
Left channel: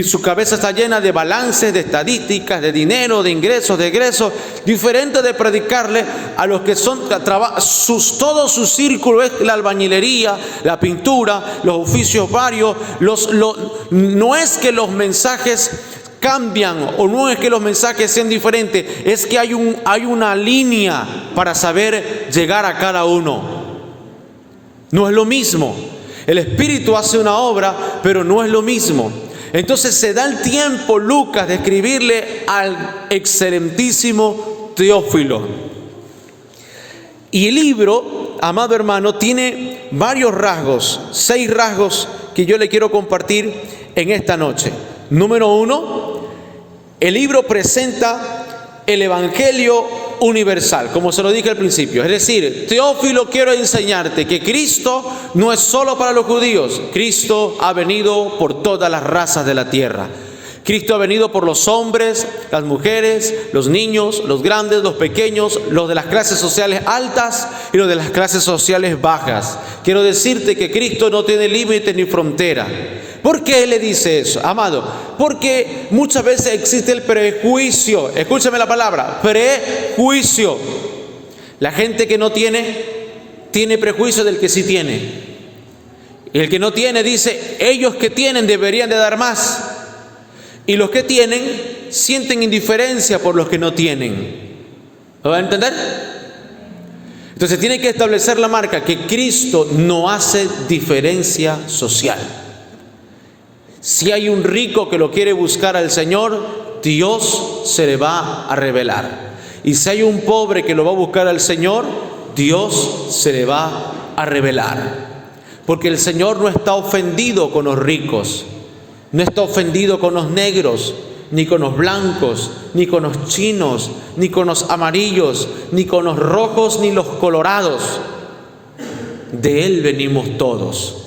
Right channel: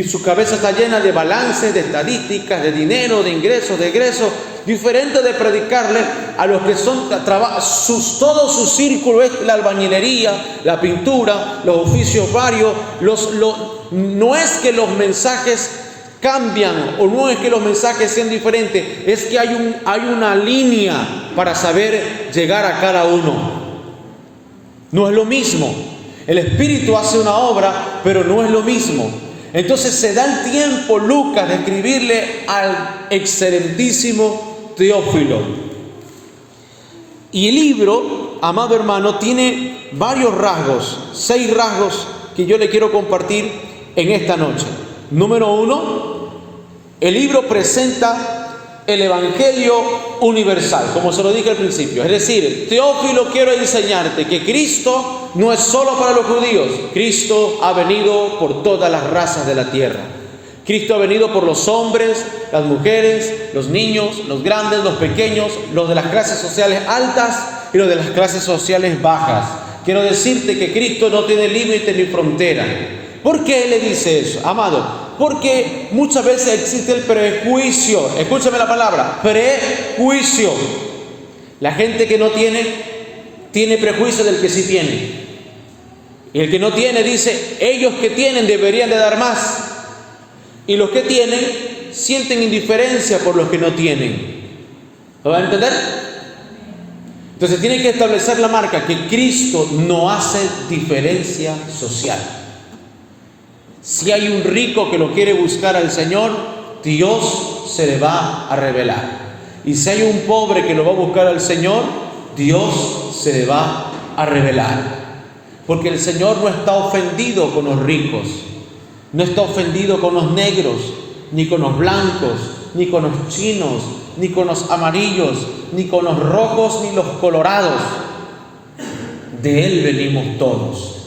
Su cabeza está llena de balances, de estadísticas, de dinero, de ingresos, de egresos. Diferente de predicarle a los que son todo su círculo es la albañilería, la pintura, los oficios varios. No es que los mensajes cambian o no es que los mensajes sean diferentes, es que hay una línea para saber llegar a cada uno. No es lo mismo. El Espíritu hace una obra, pero no es lo mismo. Entonces se da el tiempo Lucas de escribirle al excelentísimo Teófilo. Y el libro, amado hermano, tiene varios rasgos, 6 rasgos que yo le quiero compartir en esta noche. Número 1, el libro presenta el Evangelio universal, como se lo dije al principio. Es decir, Teófilo, quiero enseñarte que Cristo no es solo para los judíos. Cristo ha venido por todas las razas de la tierra. Cristo ha venido por los hombres, las mujeres, los niños, los grandes, los pequeños, los de las clases sociales altas y los de las clases sociales bajas. Quiero decirte que Cristo no tiene límite ni frontera. ¿Por qué le dice eso, amado? Porque muchas veces existe el prejuicio. Escúchame la palabra, prejuicio. La gente que no tiene prejuicio del que sí tiene. Y el que no tiene dice, ellos que tienen deberían de dar más. Y los que tienen sienten indiferencia por los que no tienen. ¿Lo van a entender? Entonces tiene que establecer la marca que Cristo no hace diferencia social. Si hay un rico que lo quiere buscar al Señor, Dios se le va a revelar. Y si hay un pobre que lo va a buscar al Señor, Dios se le va a revelar. Porque el Señor no está ofendido con los ricos, no está ofendido con los negros, ni con los blancos, ni con los chinos, ni con los amarillos, ni con los rojos, ni los colorados. De Él venimos todos.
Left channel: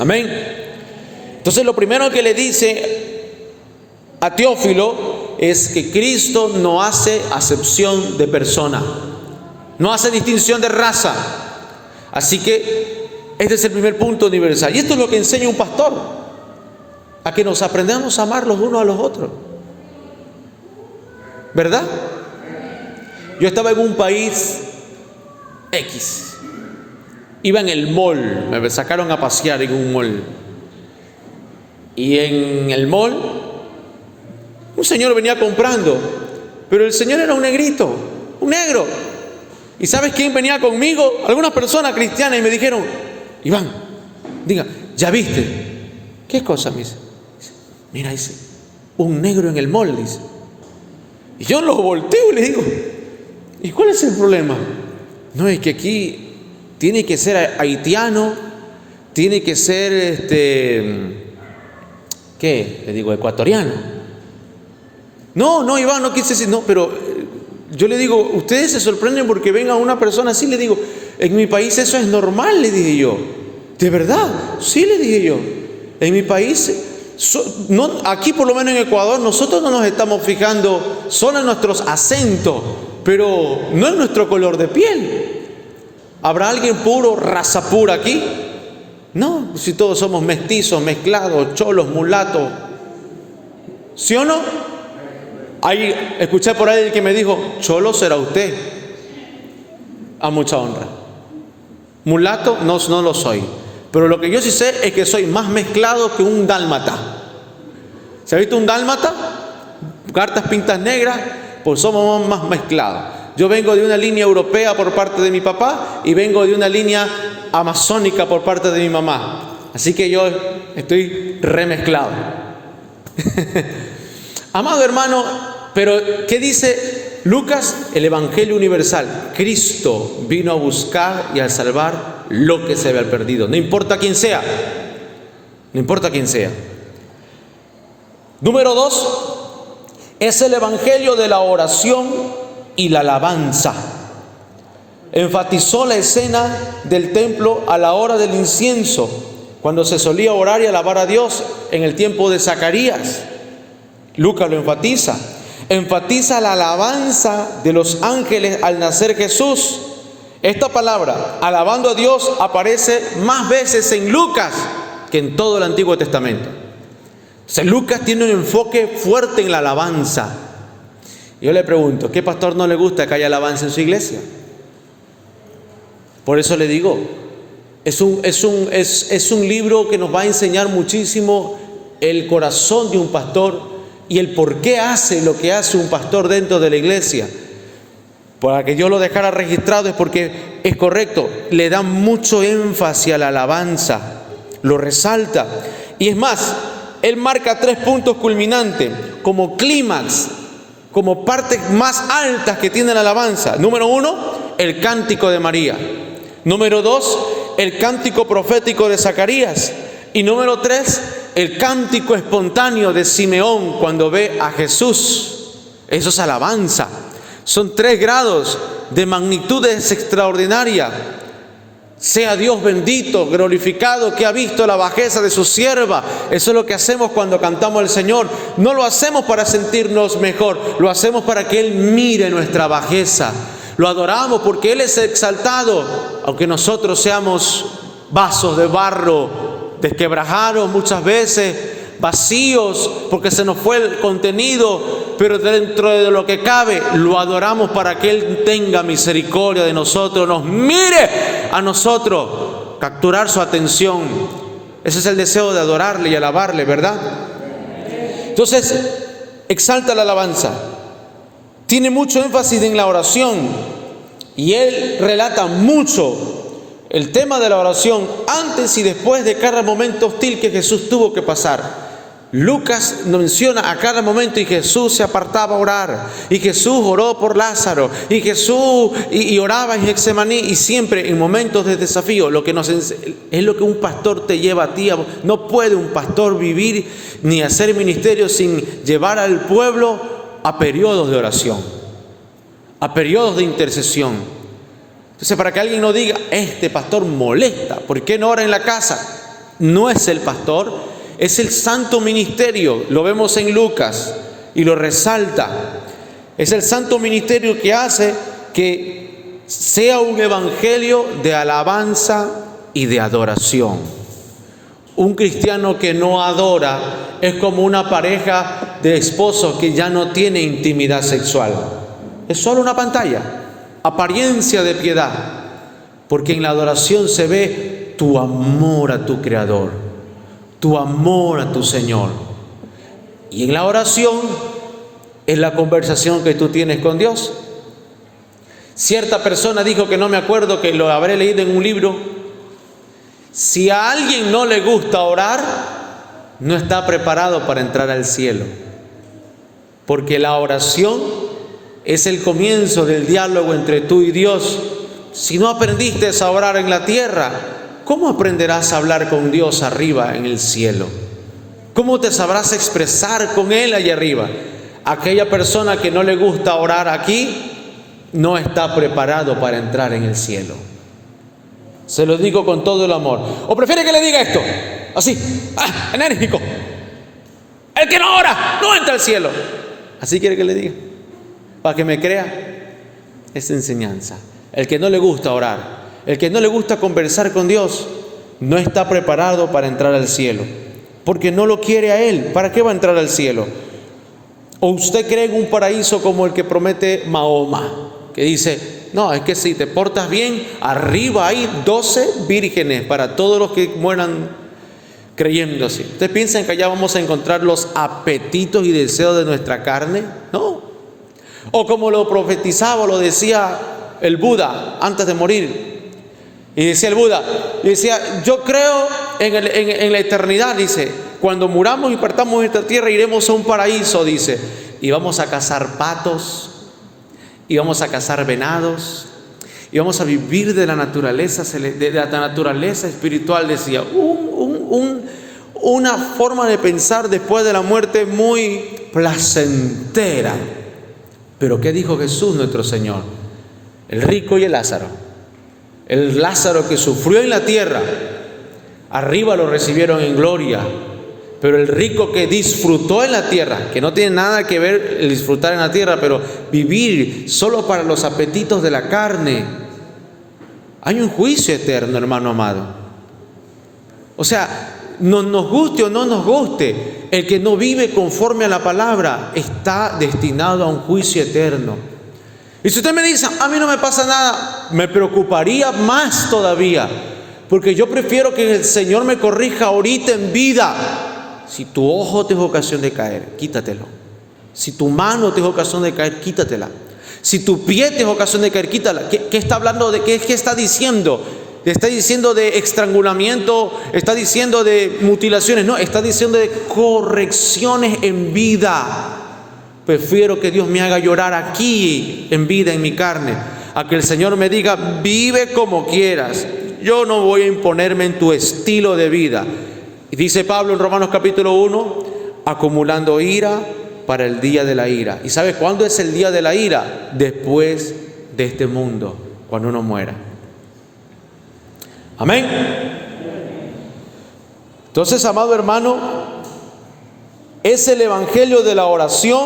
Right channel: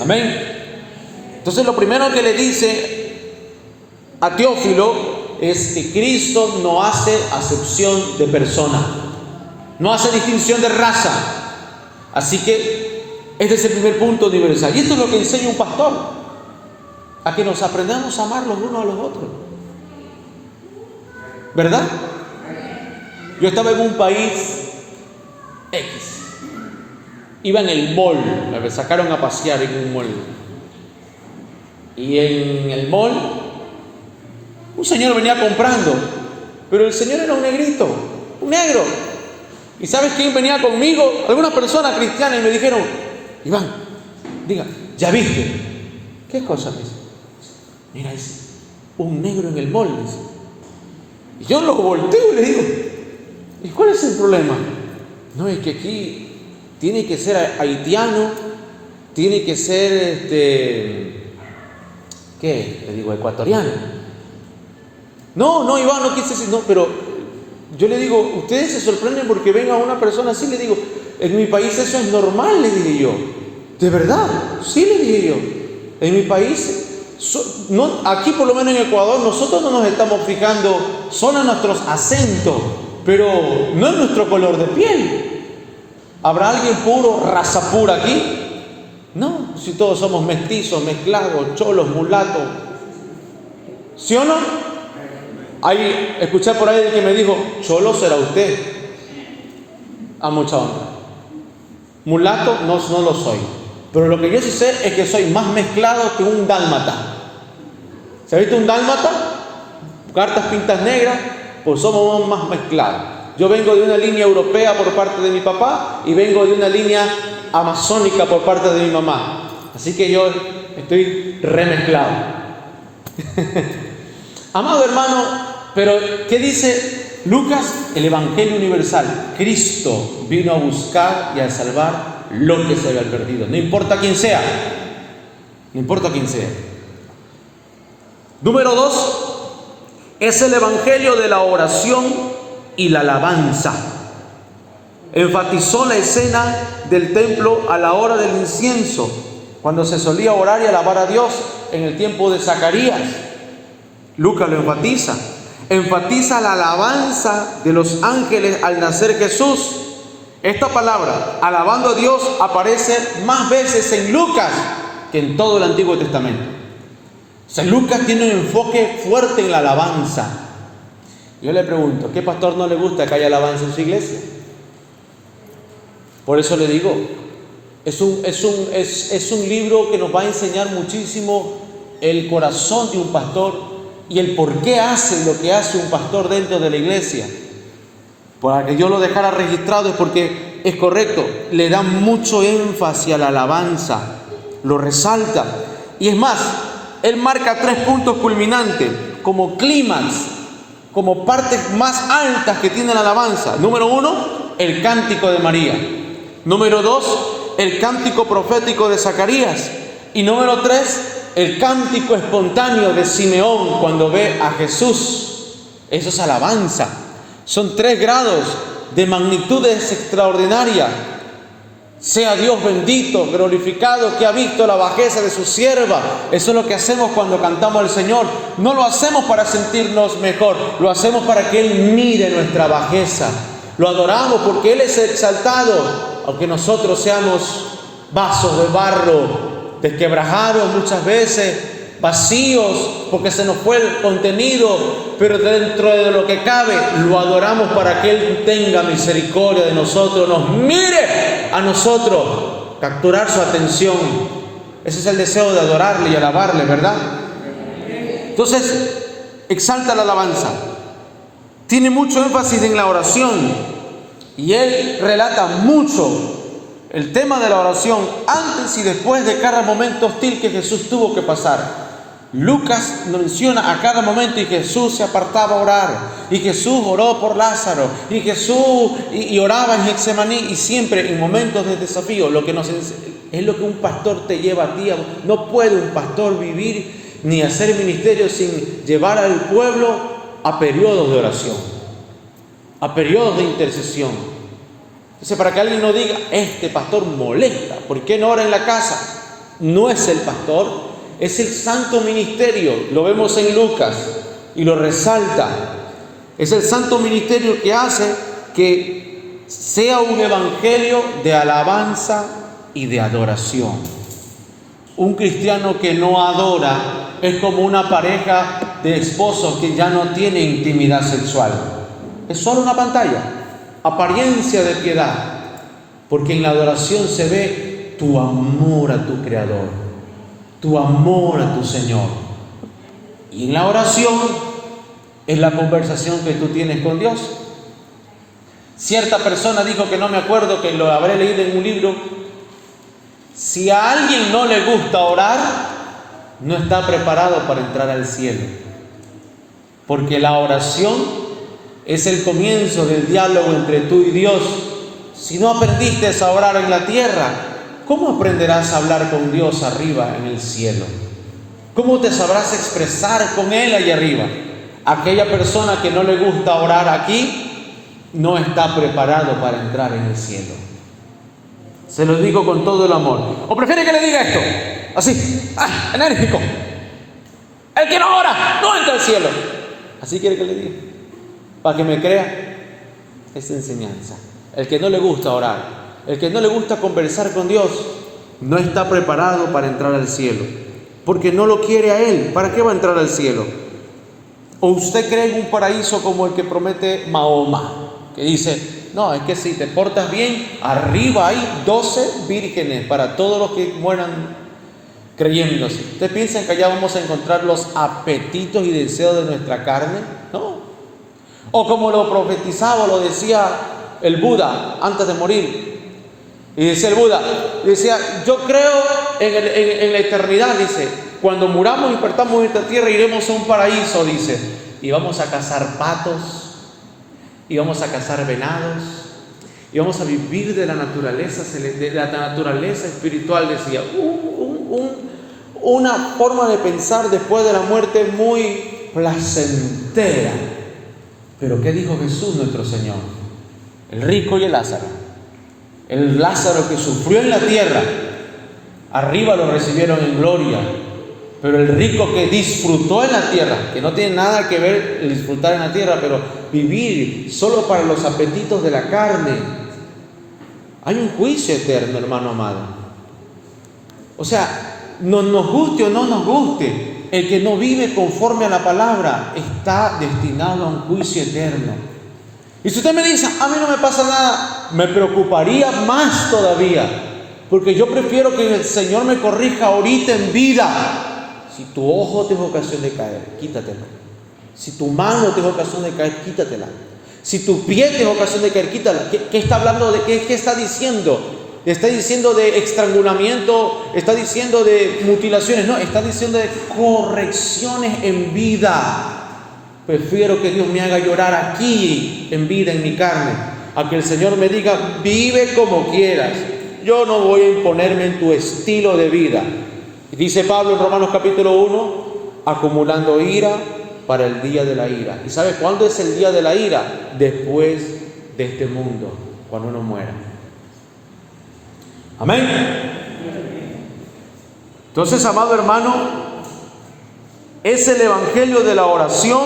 Amén. Entonces lo primero que le dice a Teófilo es que Cristo no hace acepción de persona, no hace distinción de raza. Así que este es el primer punto universal. Y esto es lo que enseña un pastor, a que nos aprendamos a amar los unos a los otros, ¿verdad? Yo estaba en un país X, iba en el mall, me sacaron a pasear en un mall, y en el mall un señor venía comprando, pero el señor era un negrito, un negro. ¿Y sabes quién venía conmigo? Algunas personas cristianas, y me dijeron: Iván, diga, ¿ya viste? ¿Qué cosa? Me dice: mira, dice, un negro en el mall, dice. Y yo lo volteo y le digo: ¿y cuál es el problema? No, es que aquí tiene que ser haitiano, tiene que ser ¿qué? Le digo, ecuatoriano. No, Iván, no quise decir, no, pero yo le digo, ustedes se sorprenden porque venga una persona así. Le digo, en mi país eso es normal, le dije yo. ¿De verdad? Sí, le dije yo. En mi país, no, aquí por lo menos en Ecuador, nosotros no nos estamos fijando solo en nuestros acentos, pero no en nuestro color de piel. ¿Habrá alguien puro, raza pura aquí? No, si todos somos mestizos, mezclados, cholos, mulatos. ¿Sí o no? Ahí escuché por ahí el que me dijo: cholo será usted. A mucha honra. Mulato no lo soy, pero lo que yo sí sé es que soy más mezclado que un dálmata. ¿Se ha visto un dálmata? Cartas pintas negras, pues somos más mezclados. Yo vengo de una línea europea por parte de mi papá y vengo de una línea amazónica por parte de mi mamá. Así que yo estoy remezclado. Amado hermano, pero ¿qué dice Lucas? El Evangelio universal. Cristo vino a buscar y a salvar lo que se había perdido. No importa quién sea. No importa quién sea. Número 2, es el Evangelio de la oración y la alabanza. Enfatizó la escena del templo a la hora del incienso, cuando se solía orar y alabar a Dios en el tiempo de Zacarías. Lucas lo enfatiza. Enfatiza la alabanza de los ángeles al nacer Jesús. Esta palabra, alabando a Dios, aparece más veces en Lucas que en todo el Antiguo Testamento. O sea, Lucas tiene un enfoque fuerte en la alabanza. Yo le pregunto, ¿qué pastor no le gusta que haya alabanza en su iglesia? Por eso le digo, es un libro que nos va a enseñar muchísimo el corazón de un pastor y el por qué hace lo que hace un pastor dentro de la iglesia. Para que yo lo dejara registrado es porque es correcto, le da mucho énfasis a la alabanza, lo resalta. Y es más, él marca 3 puntos culminantes como clímax, como partes más altas que tiene la alabanza. Número 1, el cántico de María. Número 2, el cántico profético de Zacarías. Y número 3, el cántico espontáneo de Simeón cuando ve a Jesús. Eso es alabanza. Son 3 grados de magnitudes extraordinarias. Sea Dios bendito, glorificado, que ha visto la bajeza de su sierva. Eso es lo que hacemos cuando cantamos al Señor. No lo hacemos para sentirnos mejor, lo hacemos para que Él mire nuestra bajeza. Lo adoramos porque Él es exaltado, aunque nosotros seamos vasos de barro, desquebrajados muchas veces, vacíos porque se nos fue el contenido, pero dentro de lo que cabe lo adoramos para que Él tenga misericordia de nosotros, nos mire a nosotros, capturar su atención. Ese es el deseo de adorarle y alabarle, ¿verdad? Entonces exalta la alabanza. Tiene mucho énfasis en la oración. Y él relata mucho el tema de la oración antes y después de cada momento hostil que Jesús tuvo que pasar. Lucas menciona a cada momento, y Jesús se apartaba a orar, y Jesús oró por Lázaro, y Jesús y oraba en Getsemaní, y siempre en momentos de desafío. Es lo que un pastor te lleva a ti. No puede un pastor vivir ni hacer ministerio sin llevar al pueblo a periodos de oración, a periodos de intercesión. Entonces, para que alguien no diga, este pastor molesta, ¿por qué no ora en la casa? No es el pastor, es el santo ministerio. Lo vemos en Lucas y lo resalta. Es el santo ministerio que hace que sea un evangelio de alabanza y de adoración. Un cristiano que no adora es como una pareja de esposos que ya no tiene intimidad sexual. Es solo una pantalla, apariencia de piedad, porque en la adoración se ve tu amor a tu Creador, tu amor a tu Señor. Y en la oración es la conversación que tú tienes con Dios. Cierta persona dijo, que no me acuerdo, que lo habré leído en un libro: si a alguien no le gusta orar, no está preparado para entrar al cielo, porque la oración es el comienzo del diálogo entre tú y Dios. Si no aprendiste a orar en la tierra, ¿cómo aprenderás a hablar con Dios arriba en el cielo? ¿Cómo te sabrás expresar con Él allá arriba? Aquella persona que no le gusta orar aquí no está preparado para entrar en el cielo. Se lo digo con todo el amor. ¿O prefiere que le diga esto? Así, enérgico. El que no ora no entra al cielo. Así quiere que le diga, para que me crea. Es enseñanza. El que no le gusta orar, el que no le gusta conversar con Dios, no está preparado para entrar al cielo, porque no lo quiere a Él. ¿Para qué va a entrar al cielo? ¿O usted cree en un paraíso como el que promete Mahoma, que dice, no, es que si te portas bien, arriba hay 12 vírgenes para todos los que mueran creyendo así? ¿Ustedes piensan que allá vamos a encontrar los apetitos y deseos de nuestra carne? No. O como lo profetizaba, lo decía el Buda antes de morir. Y decía el Buda, decía, yo creo en la eternidad, dice, cuando muramos y partamos de esta tierra iremos a un paraíso, dice, y vamos a cazar patos, y vamos a cazar venados, y vamos a vivir de la naturaleza espiritual, decía. Una forma de pensar después de la muerte muy placentera. Pero ¿qué dijo Jesús nuestro Señor? El rico y el Lázaro. El Lázaro que sufrió en la tierra, arriba lo recibieron en gloria. Pero el rico que disfrutó en la tierra, que no tiene nada que ver el disfrutar en la tierra, pero vivir solo para los apetitos de la carne, hay un juicio eterno, hermano amado. O sea, nos guste o no nos guste, el que no vive conforme a la palabra está destinado a un juicio eterno. Y si usted me dice, a mí no me pasa nada, me preocuparía más todavía, porque yo prefiero que el Señor me corrija ahorita en vida. Si tu ojo te es ocasión de caer, quítatelo. Si tu mano te es ocasión de caer, quítatela. Si tu pie te es ocasión de caer, quítala. ¿Qué está hablando de qué está diciendo? Está diciendo de estrangulamiento, está diciendo de mutilaciones, no, está diciendo de correcciones en vida. Prefiero que Dios me haga llorar aquí en vida, en mi carne, a que el Señor me diga, vive como quieras. Yo no voy a imponerme en tu estilo de vida. Y dice Pablo en Romanos capítulo 1, acumulando ira para el día de la ira. ¿Y sabe cuándo es el día de la ira? Después de este mundo, cuando uno muera. Amén. Entonces, amado hermano, es el evangelio de la oración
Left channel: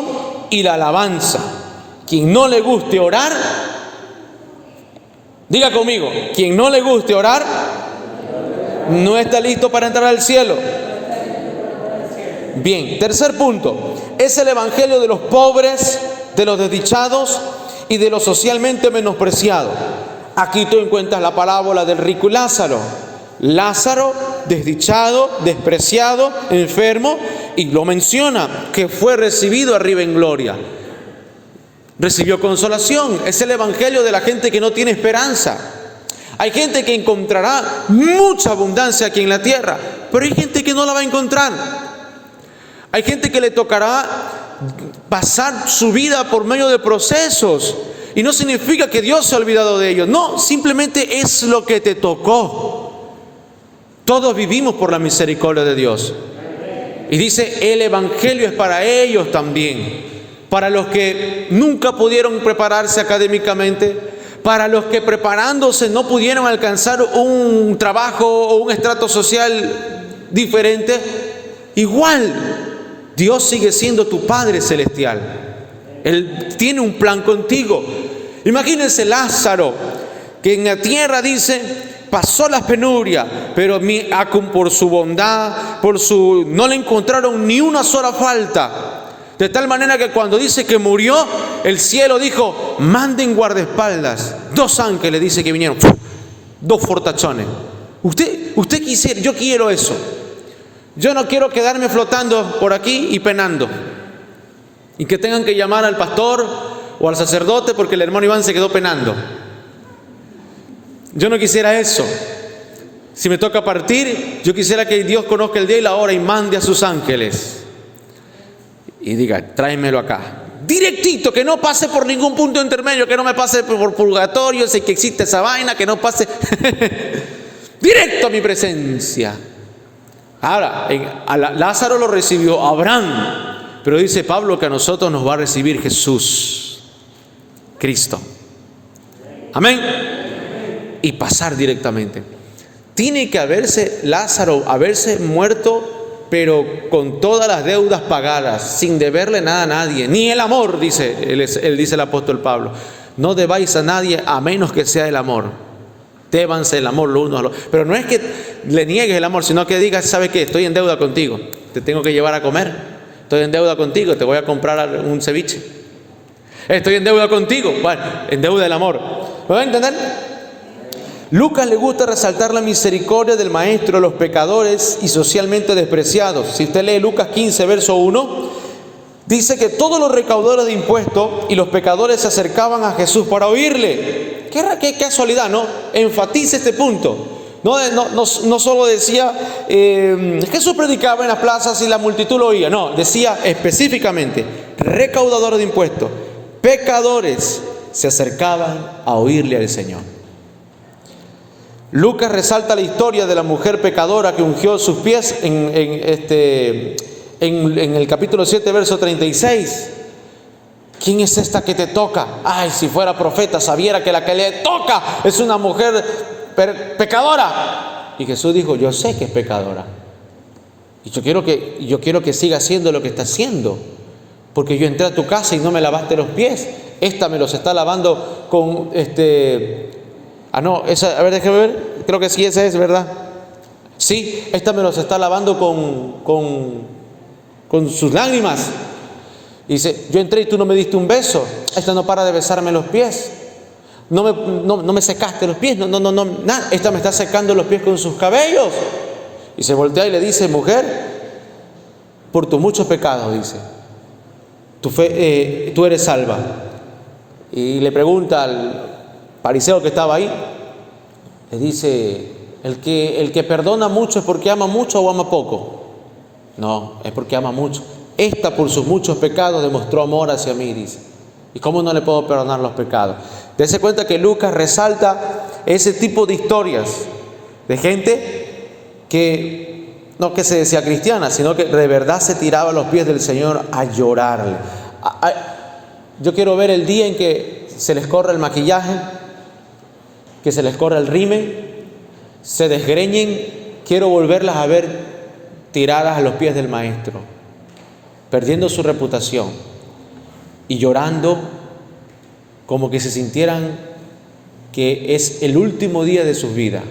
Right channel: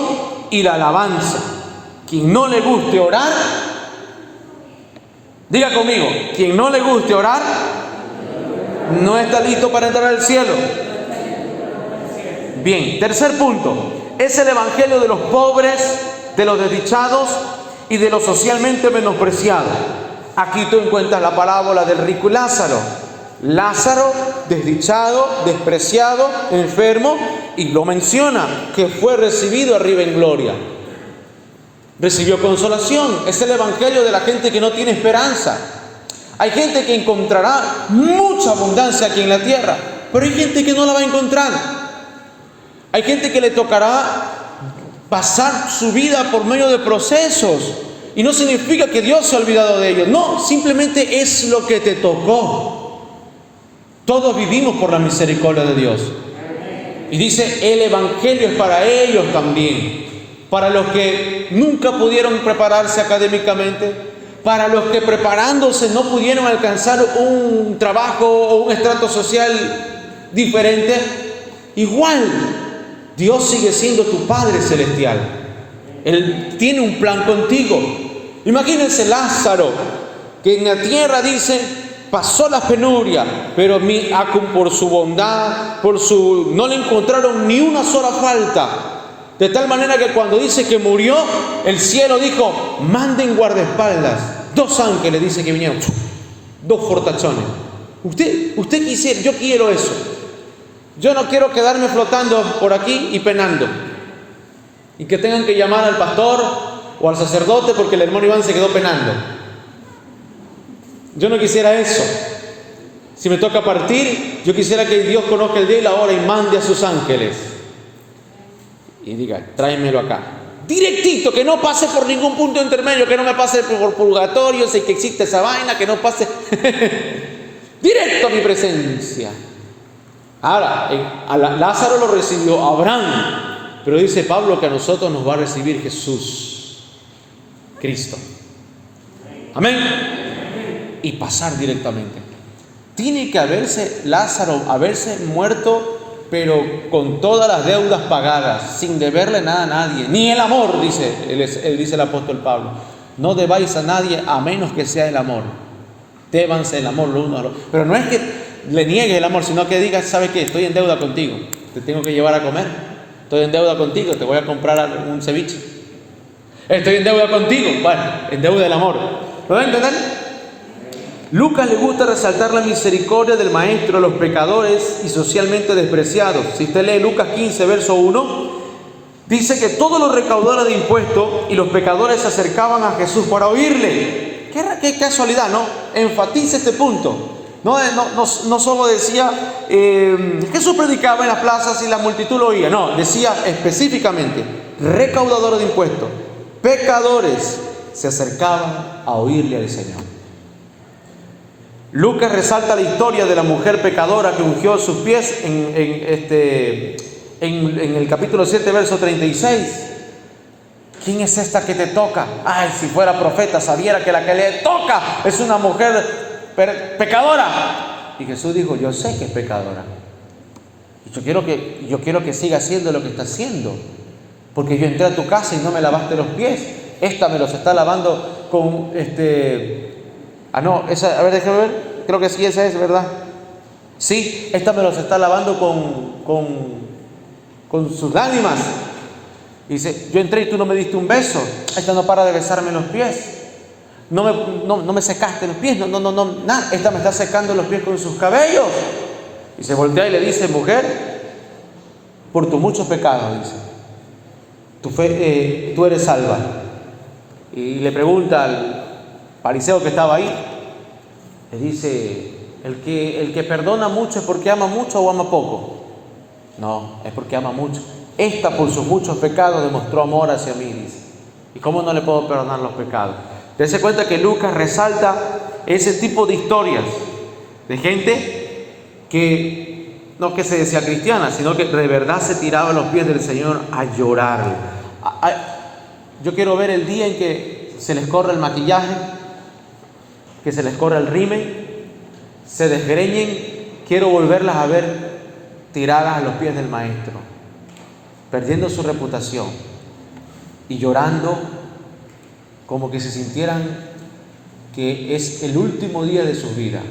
y la alabanza. Quien no le guste orar, diga conmigo, quien no le guste orar, no está listo para entrar al cielo. Bien, tercer punto, es el evangelio de los pobres, de los desdichados y de los socialmente menospreciados. Aquí tú encuentras la parábola del rico y Lázaro. Lázaro, desdichado, despreciado, enfermo, y lo menciona, que fue recibido arriba en gloria. Recibió consolación. Es el evangelio de la gente que no tiene esperanza. Hay gente que encontrará mucha abundancia aquí en la tierra, pero hay gente que no la va a encontrar. Hay gente que le tocará pasar su vida por medio de procesos. Y no significa que Dios se ha olvidado de ellos. No, simplemente es lo que te tocó. Todos vivimos por la misericordia de Dios. Y dice, el evangelio es para ellos también. Para los que nunca pudieron prepararse académicamente. Para los que preparándose no pudieron alcanzar un trabajo o un estrato social diferente. Igual, Dios sigue siendo tu Padre Celestial. Él tiene un plan contigo. Imagínense Lázaro, que en la tierra dice, pasó la penuria, pero por su bondad, no le encontraron ni una sola falta. De tal manera que cuando dice que murió, el cielo dijo, manden guardaespaldas. 2 ángeles dice que vinieron, 2 fortachones. Usted quisiera, yo quiero eso. Yo no quiero quedarme flotando por aquí y penando. Y que tengan que llamar al pastor o al sacerdote porque el hermano Iván se quedó penando. Yo no quisiera eso. Si me toca partir, yo quisiera que Dios conozca el día y la hora y mande a sus ángeles. Y diga, tráemelo acá. Directito, que no pase por ningún punto intermedio, que no me pase por purgatorio, sé que existe esa vaina, que no pase directo a mi presencia. Ahora, a Lázaro lo recibió Abraham. Pero dice Pablo que a nosotros nos va a recibir Jesús, Cristo. Amén. Y pasar directamente. Tiene que Lázaro haberse muerto, pero con todas las deudas pagadas, sin deberle nada a nadie. Ni el amor, dice el apóstol Pablo. No debáis a nadie a menos que sea el amor. Débanse el amor los unos a los otros. Pero no es que le niegues el amor, sino que digas, ¿sabes qué? Estoy en deuda contigo. Te tengo que llevar a comer. Estoy en deuda contigo, te voy a comprar un ceviche. Estoy en deuda contigo, bueno, en deuda del amor. ¿Lo van a entender? Lucas le gusta resaltar la misericordia del maestro de los pecadores y socialmente despreciados. Si usted lee Lucas 15, verso 1, dice que todos los recaudadores de impuestos y los pecadores se acercaban a Jesús para oírle. Qué casualidad, ¿no? Enfatiza este punto. No solo decía, Jesús predicaba en las plazas y la multitud lo oía. No, decía específicamente, recaudadores de impuestos, pecadores se acercaban a oírle al Señor. Lucas resalta la historia de la mujer pecadora que ungió sus pies en el capítulo 7, verso 36. ¿Quién es esta que te toca? Ay, si fuera profeta, sabiera que la que le toca es una mujer pecadora. Y Jesús dijo, yo sé que es pecadora. Y yo quiero que siga haciendo lo que está haciendo. Porque yo entré a tu casa y no me lavaste los pies. Esta me los está lavando con esa, a ver, déjame ver. Creo que sí, esa es, ¿verdad? Sí, esta me los está lavando con sus lágrimas. Y dice, yo entré y tú no me diste un beso. Esta no para de besarme los pies. No me secaste los pies, nada. Esta me está secando los pies con sus cabellos. Y se voltea y le dice, mujer, por tus muchos pecados, dice, tú eres salva. Y le pregunta al fariseo que estaba ahí, le dice, el que perdona mucho es porque ama mucho o ama poco. No, es porque ama mucho. Esta por sus muchos pecados demostró amor hacia mí, dice. ¿Y cómo no le puedo perdonar los pecados? Dese cuenta que Lucas resalta ese tipo de historias de gente que no que se decía cristiana, sino que de verdad se tiraba a los pies del Señor a llorarle. Yo quiero ver el día en que se les corra el maquillaje, que se les corra el rímel, se desgreñen. Quiero volverlas a ver tiradas a los pies del Maestro, perdiendo su reputación y llorando, como que se sintieran que es el último día de sus vidas.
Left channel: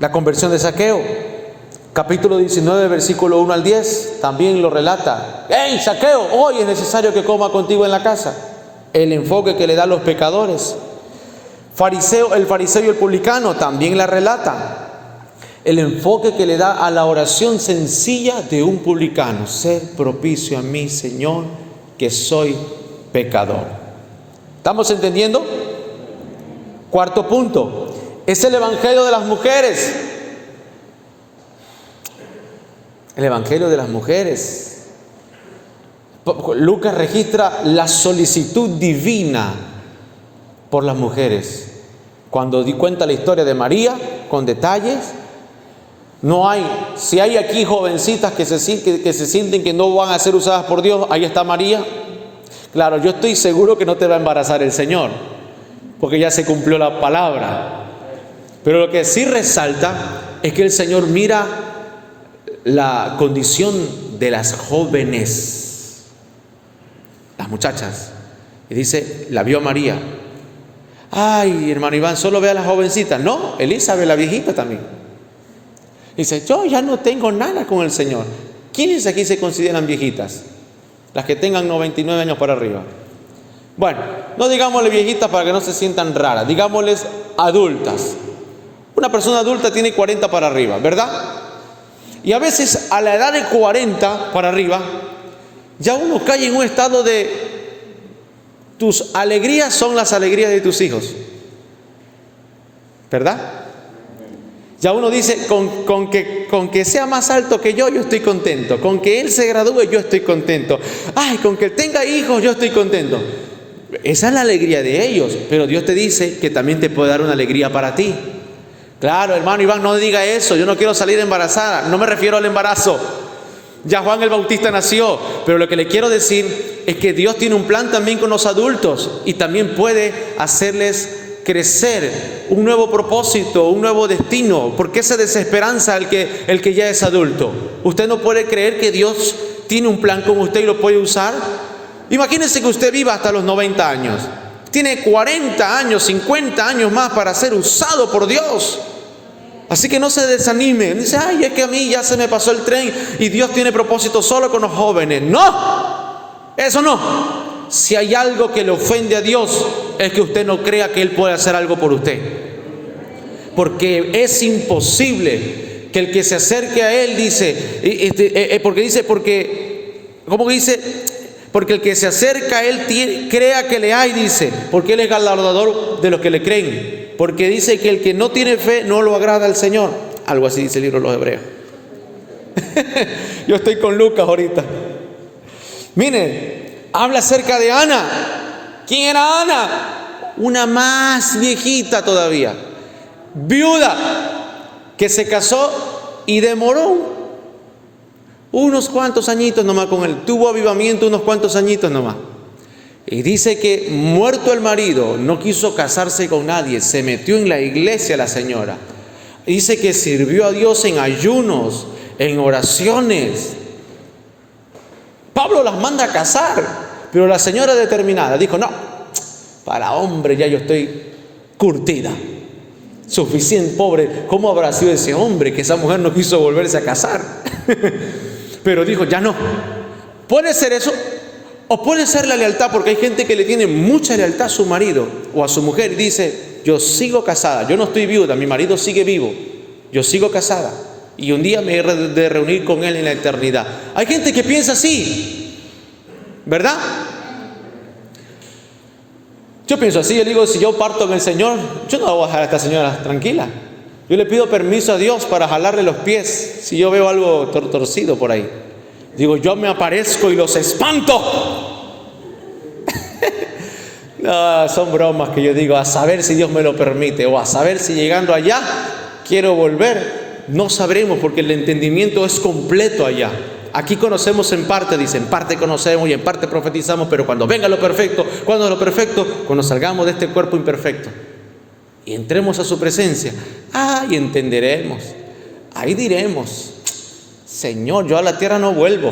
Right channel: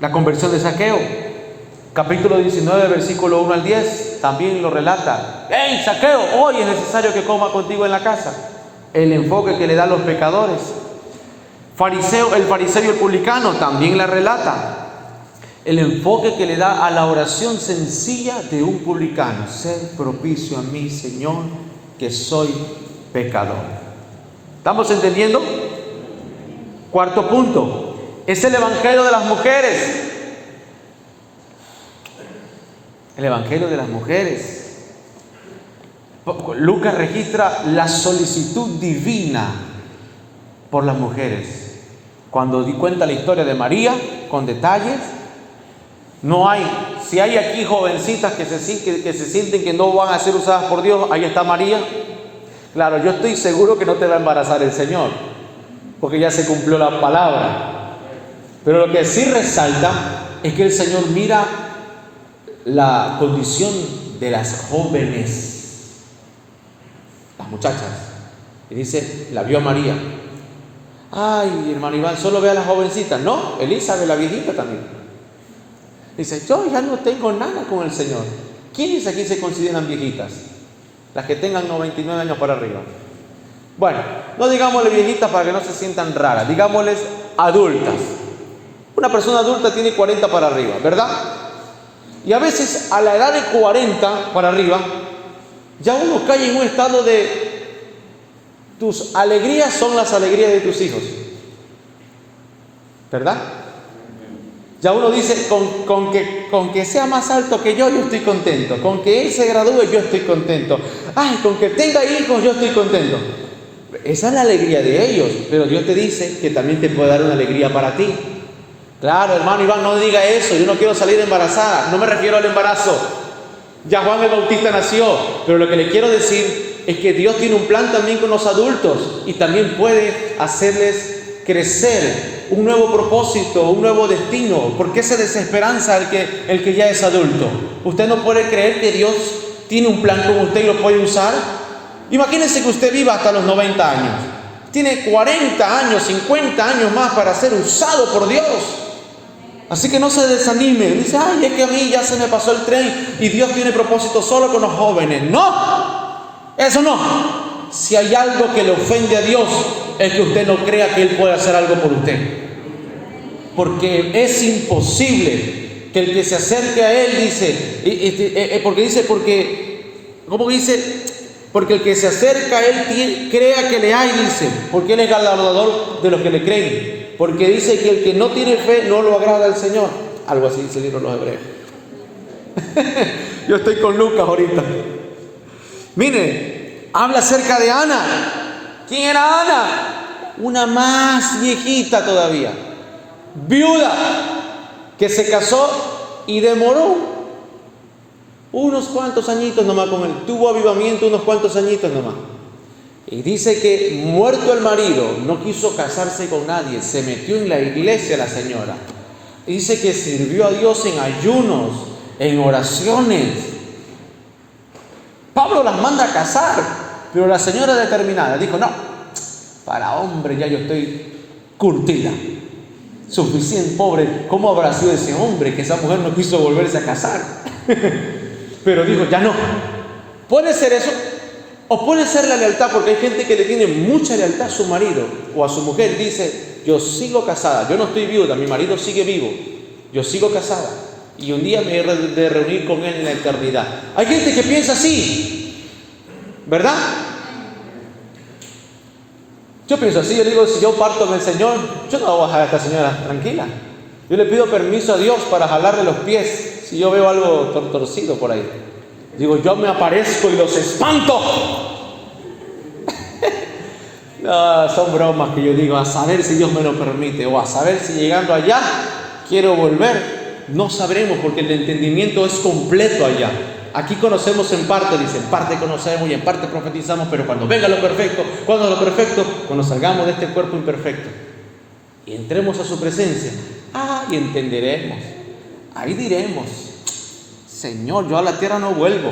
La conversión de Zaqueo, capítulo 19, versículo 1 al 10, también lo relata. ¡Hey, Zaqueo! Hoy es necesario que coma contigo en la casa. El enfoque que le dan los pecadores. El fariseo y el publicano también la relata. El enfoque que le da a la oración sencilla de un publicano: sé propicio a mí, Señor, que soy pecador. ¿Estamos entendiendo? Cuarto punto, es el evangelio de las mujeres. El evangelio de las mujeres. Lucas registra la solicitud divina por las mujeres. Cuando cuenta la historia de María con detalles, no hay, si hay aquí jovencitas que se sienten que no van a ser usadas por Dios, ahí está María. Claro, yo estoy seguro que no te va a embarazar el Señor, porque ya se cumplió la palabra. Pero lo que sí resalta es que el Señor mira la condición de las jóvenes, las muchachas, y dice, la vio María. Ay, hermano Iván, solo ve a las jovencitas. No, Elizabeth, la viejita también. Dice, yo ya no tengo nada con el Señor. ¿Quiénes aquí se consideran viejitas? Las que tengan 99 años para arriba. Bueno, no digámosle viejitas para que no se sientan raras, digámosles adultas. Una persona adulta tiene 40 para arriba, ¿verdad? Y a veces a la edad de 40 para arriba, ya uno cae en un estado de tus alegrías son las alegrías de tus hijos, ¿verdad? Ya uno dice, con que sea más alto que yo estoy contento. Con que él se gradúe, yo estoy contento. Ay, con que tenga hijos, yo estoy contento. Esa es la alegría de ellos. Pero Dios te dice que también te puede dar una alegría para ti. Claro, hermano Iván, no diga eso. Yo no quiero salir embarazada. No me refiero al embarazo. Ya Juan el Bautista nació. Pero lo que le quiero decir es que Dios tiene un plan también con los adultos. Y también puede hacerles crecer un nuevo propósito, un nuevo destino. ¿Por qué se desesperanza el que ya es adulto? ¿Usted no puede creer que Dios tiene un plan con usted y lo puede usar? Imagínense que usted viva hasta los 90 años. Tiene 40 años, 50 años más para ser usado por Dios. Así que no se desanime. Dice, ay, es que a mí ya se me pasó el tren y Dios tiene propósito solo con los jóvenes. No, eso no. Si hay algo que le ofende a Dios, es que usted no crea que Él puede hacer algo por usted. Porque es imposible que el que se acerque a Él porque el que se acerca a Él crea que le hay, dice, porque Él es galardonador de los que le creen. Porque dice que el que no tiene fe no lo agrada al Señor. Algo así dice el libro de los Hebreos. Yo estoy con Lucas ahorita. Miren, habla acerca de Ana. ¿Quién era Ana? Una más viejita todavía, viuda, que se casó y demoró unos cuantos añitos nomás con él. Tuvo avivamiento unos cuantos añitos nomás. Y dice que muerto el marido, no quiso casarse con nadie, se metió en la iglesia la señora. Dice que sirvió a Dios en ayunos, en oraciones. Pablo las manda a casar, pero la señora determinada dijo, no, para hombre ya yo estoy curtida, suficiente, pobre. ¿Cómo habrá sido ese hombre que esa mujer no quiso volverse a casar? Pero dijo, ya no. Puede ser eso, o puede ser la lealtad, porque hay gente que le tiene mucha lealtad a su marido o a su mujer y dice, yo sigo casada, yo no estoy viuda, mi marido sigue vivo, yo sigo casada y un día me he de reunir con él en la eternidad. Hay gente que piensa así, ¿verdad? Yo pienso así, yo digo, si yo parto con el Señor, yo no voy a dejar a esta señora tranquila. Yo le pido permiso a Dios para jalarle los pies si yo veo algo torcido por ahí. Digo, yo me aparezco y los espanto. No, son bromas que yo digo, a saber si Dios me lo permite, o a saber si llegando allá quiero volver. No sabremos, porque el entendimiento es completo allá. Aquí conocemos en parte, dice, en parte conocemos y en parte profetizamos, pero cuando venga lo perfecto, cuando salgamos de este cuerpo imperfecto y entremos a su presencia, y entenderemos. Ahí diremos, Señor, yo a la tierra no vuelvo.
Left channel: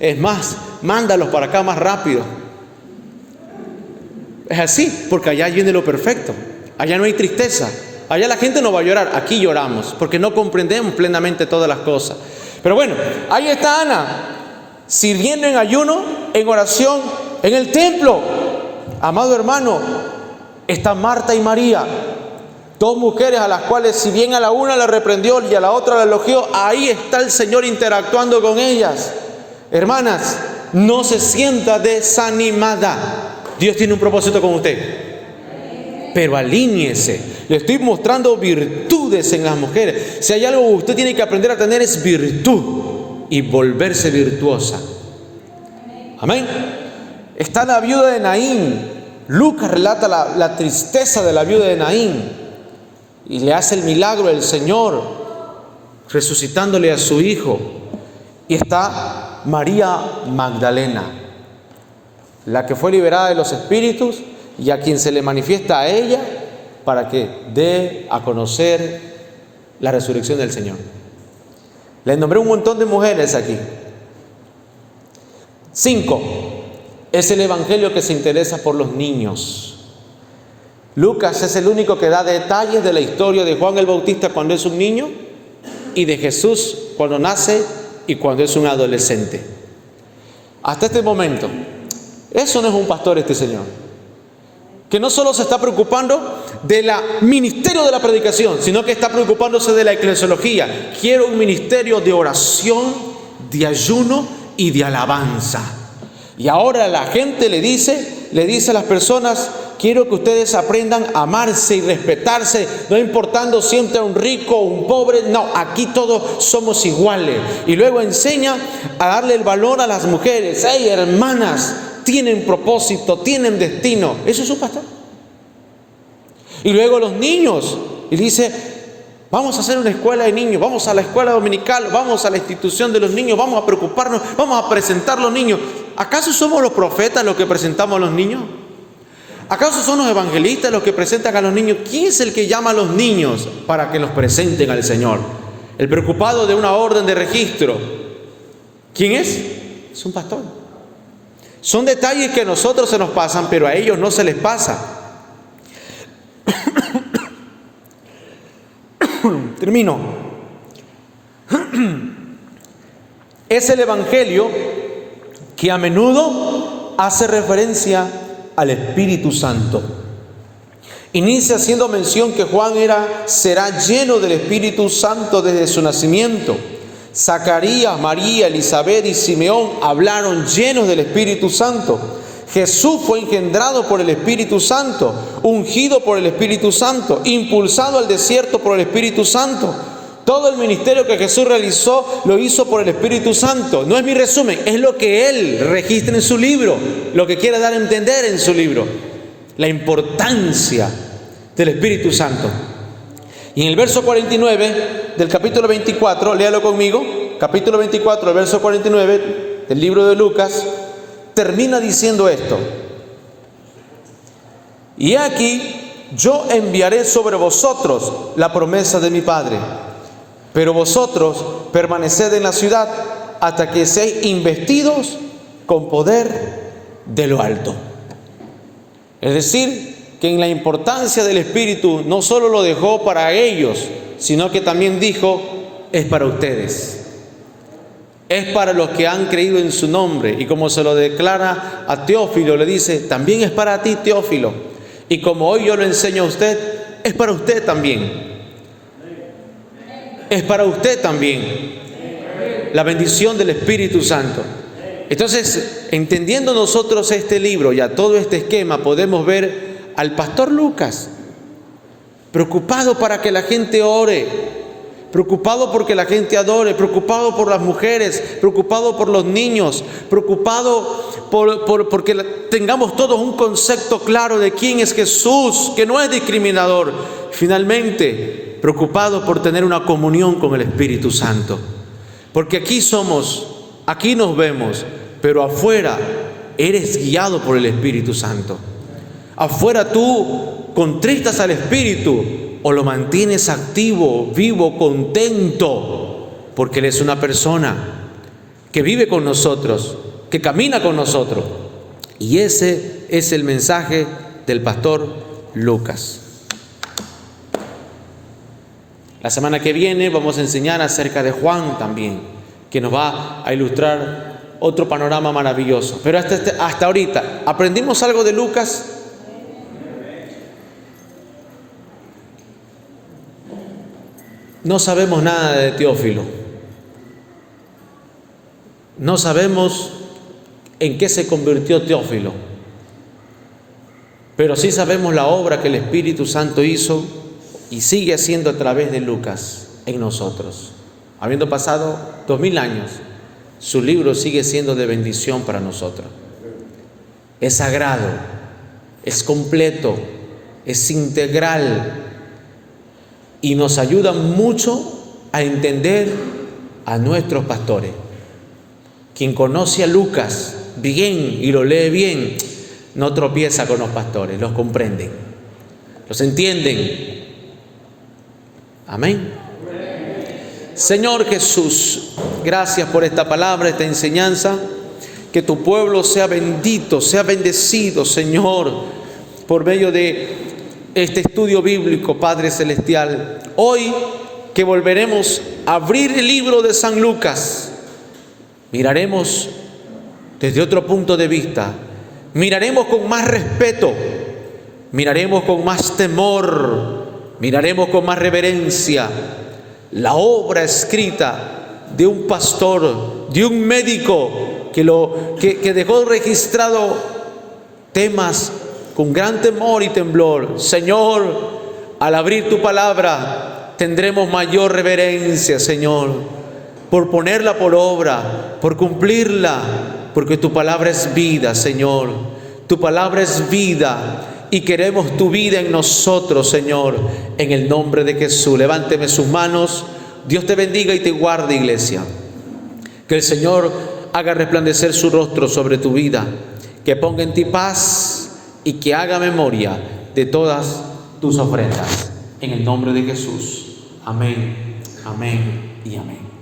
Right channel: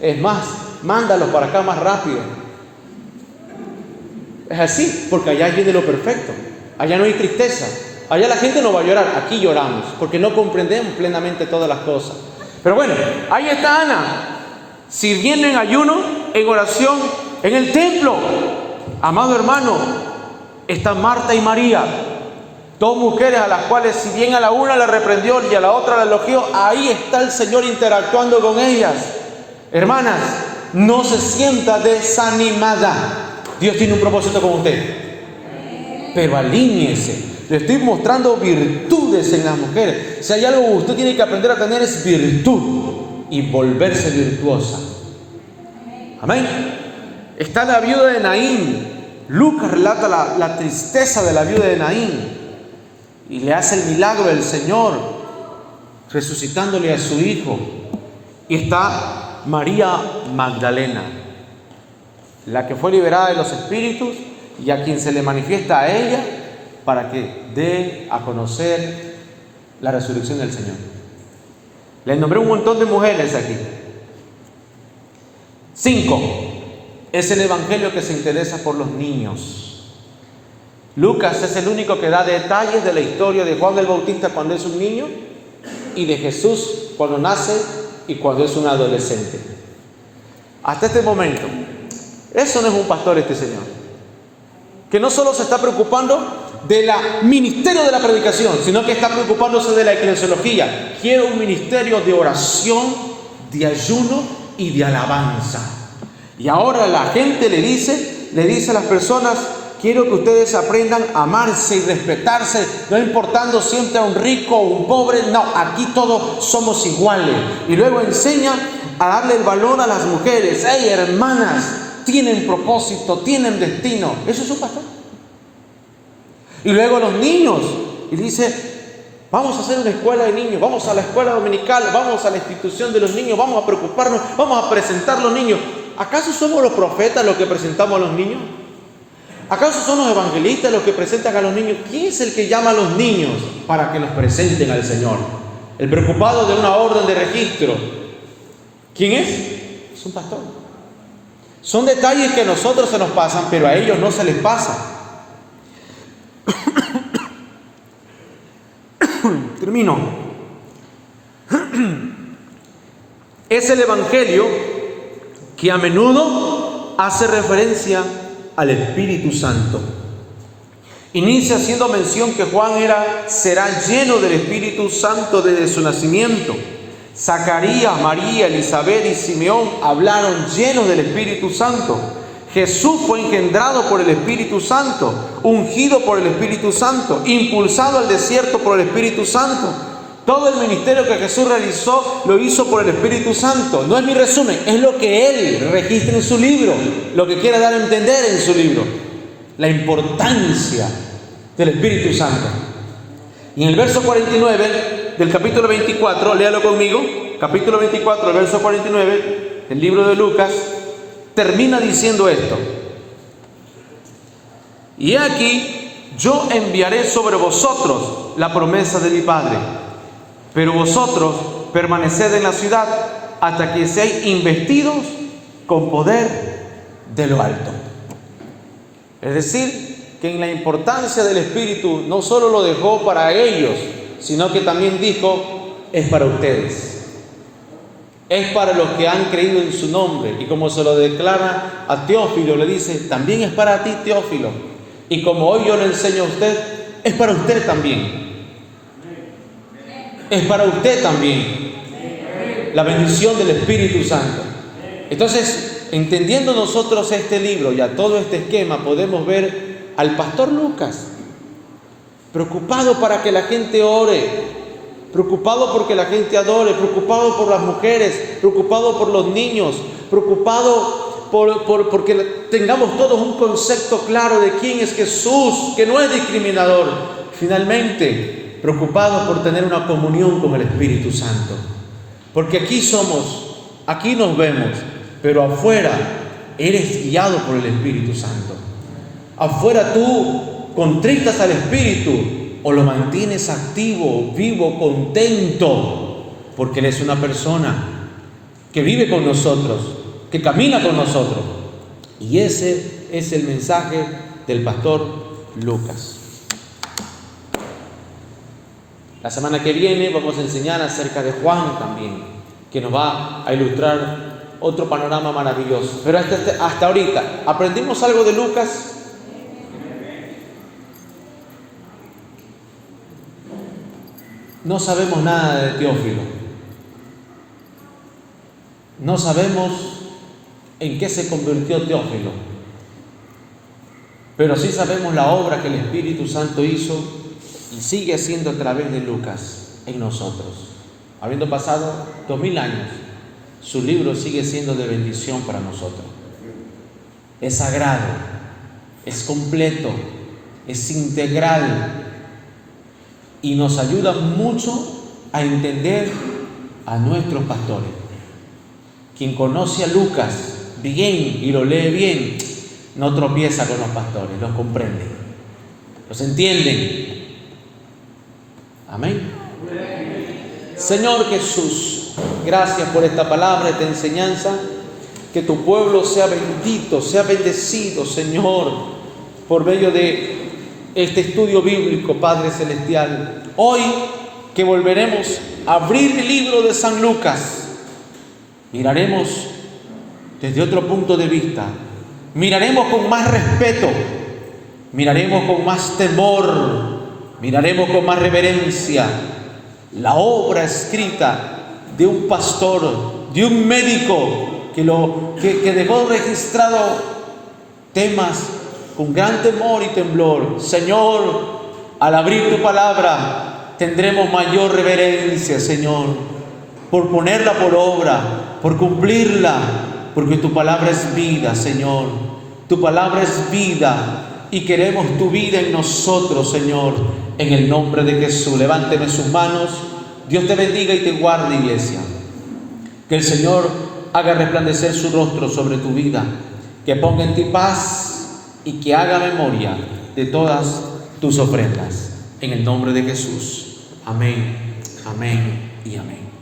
Es más, mándalos para acá más rápido. Es así, porque allá viene lo perfecto. Allá no hay tristeza. Allá la gente no va a llorar. Aquí lloramos, porque no comprendemos plenamente todas las cosas. Pero bueno, ahí está Ana, sirviendo en ayuno, en oración, en el templo. Amado hermano, está Marta y María. Dos mujeres a las cuales, si bien a la una la reprendió y a la otra la elogió, ahí está el Señor interactuando con ellas. Hermanas, no se sienta desanimada. Dios tiene un propósito con usted. Pero alíñese. Le estoy mostrando virtudes en las mujeres. Si hay algo que usted tiene que aprender a tener, es virtud y volverse virtuosa. Amén. Está la viuda de Naín. Lucas relata la tristeza de la viuda de Naín y le hace el milagro del Señor resucitándole a su hijo. Y está María Magdalena, la que fue liberada de los espíritus y a quien se le manifiesta a ella para que dé a conocer la resurrección del Señor. Les nombré un montón de mujeres aquí. 5. Es el evangelio que se interesa por los niños. Lucas es el único que da detalles de la historia de Juan el Bautista cuando es un niño y de Jesús cuando nace y cuando es un adolescente. Hasta este momento, eso no es un pastor, este señor, que no solo se está preocupando del ministerio de la predicación, sino que está preocupándose de la eclesiología. Quiero un ministerio de oración, de ayuno y de alabanza. Y ahora la gente le dice a las personas: quiero que ustedes aprendan a amarse y respetarse, no importando siempre a un rico o un pobre. No, aquí todos somos iguales. Y luego enseña a darle el valor a las mujeres. ¡Hey, hermanas! Tienen propósito, tienen destino. Eso es un pastor. Y luego los niños. Y dice: vamos a hacer una escuela de niños, vamos a la escuela dominical, vamos a la institución de los niños, vamos a preocuparnos, vamos a presentar a los niños. ¿Acaso somos los profetas los que presentamos a los niños? ¿Acaso son los evangelistas los que presentan a los niños? ¿Quién es el que llama a los niños para que los presenten al Señor? El preocupado de una orden de registro. ¿Quién es? Es un pastor. Son detalles que a nosotros se nos pasan, pero a ellos no se les pasa. Termino. Es el evangelio que a menudo hace referencia al Espíritu Santo. Inicia haciendo mención que Juan será lleno del Espíritu Santo desde su nacimiento. Zacarías, María, Elizabeth y Simeón hablaron llenos del Espíritu Santo. Jesús fue engendrado por el Espíritu Santo, ungido por el Espíritu Santo, impulsado al desierto por el Espíritu Santo. Todo el ministerio que Jesús realizó lo hizo por el Espíritu Santo. No es mi resumen, es lo que Él registra en su libro, lo que quiere dar a entender en su libro. La importancia del Espíritu Santo. Y en el verso 49 del capítulo 24, léalo conmigo, capítulo 24, el verso 49 del libro de Lucas, termina diciendo esto: y aquí yo enviaré sobre vosotros la promesa de mi Padre, pero vosotros permaneced en la ciudad hasta que seáis investidos con poder de lo alto. Es decir, que en la importancia del Espíritu no solo lo dejó para ellos, sino que también dijo: es para ustedes, es para los que han creído en su nombre. Y como se lo declara a Teófilo, le dice: también es para ti, Teófilo. Y como hoy yo lo enseño a usted, es para usted también. Es para usted también la bendición del Espíritu Santo. Entonces, entendiendo nosotros este libro y a todo este esquema, podemos ver al pastor Lucas preocupado para que la gente ore, preocupado porque la gente adore, preocupado por las mujeres, preocupado por los niños, preocupado porque tengamos todos un concepto claro de quién es Jesús, que no es discriminador. Finalmente, preocupado por tener una comunión con el Espíritu Santo, porque aquí nos vemos, pero afuera eres guiado por el Espíritu Santo. Afuera tú contristas al Espíritu o lo mantienes activo, vivo, contento, porque Él es una persona que vive con nosotros, que camina con nosotros. Y ese es el mensaje del pastor Lucas. La semana que viene vamos a enseñar acerca de Juan también, que nos va a ilustrar otro panorama maravilloso. Pero hasta ahorita, ¿aprendimos algo de Lucas? No sabemos nada de Teófilo. No sabemos en qué se convirtió Teófilo. Pero sí sabemos la obra que el Espíritu Santo hizo y sigue haciendo a través de Lucas en nosotros. Habiendo pasado 2000 años, su libro sigue siendo de bendición para nosotros. Es sagrado, es completo, es integral y nos ayuda mucho a entender a nuestros pastores. Quien conoce a Lucas bien y lo lee bien, no tropieza con los pastores, los comprenden, los entienden. Amén. Señor Jesús, gracias por esta palabra, esta enseñanza. Que tu pueblo sea bendito, sea bendecido, Señor, por medio de este estudio bíblico, Padre Celestial. Hoy que volveremos a abrir el libro de San Lucas, miraremos desde otro punto de vista, miraremos con más respeto, miraremos con más temor, miraremos con más reverencia la obra escrita de un pastor, de un médico que dejó registrado temas con gran temor y temblor. Señor, al abrir tu palabra tendremos mayor reverencia, Señor, por ponerla por obra, por cumplirla, porque tu palabra es vida, Señor. Tu palabra es vida y queremos tu vida en nosotros, Señor, en el nombre de Jesús. Levánteme sus manos. Dios te bendiga y te guarde, iglesia. Que el Señor haga resplandecer su rostro sobre tu vida, que ponga en ti paz y que haga memoria de todas tus ofrendas. En el nombre de Jesús. Amén, amén y amén.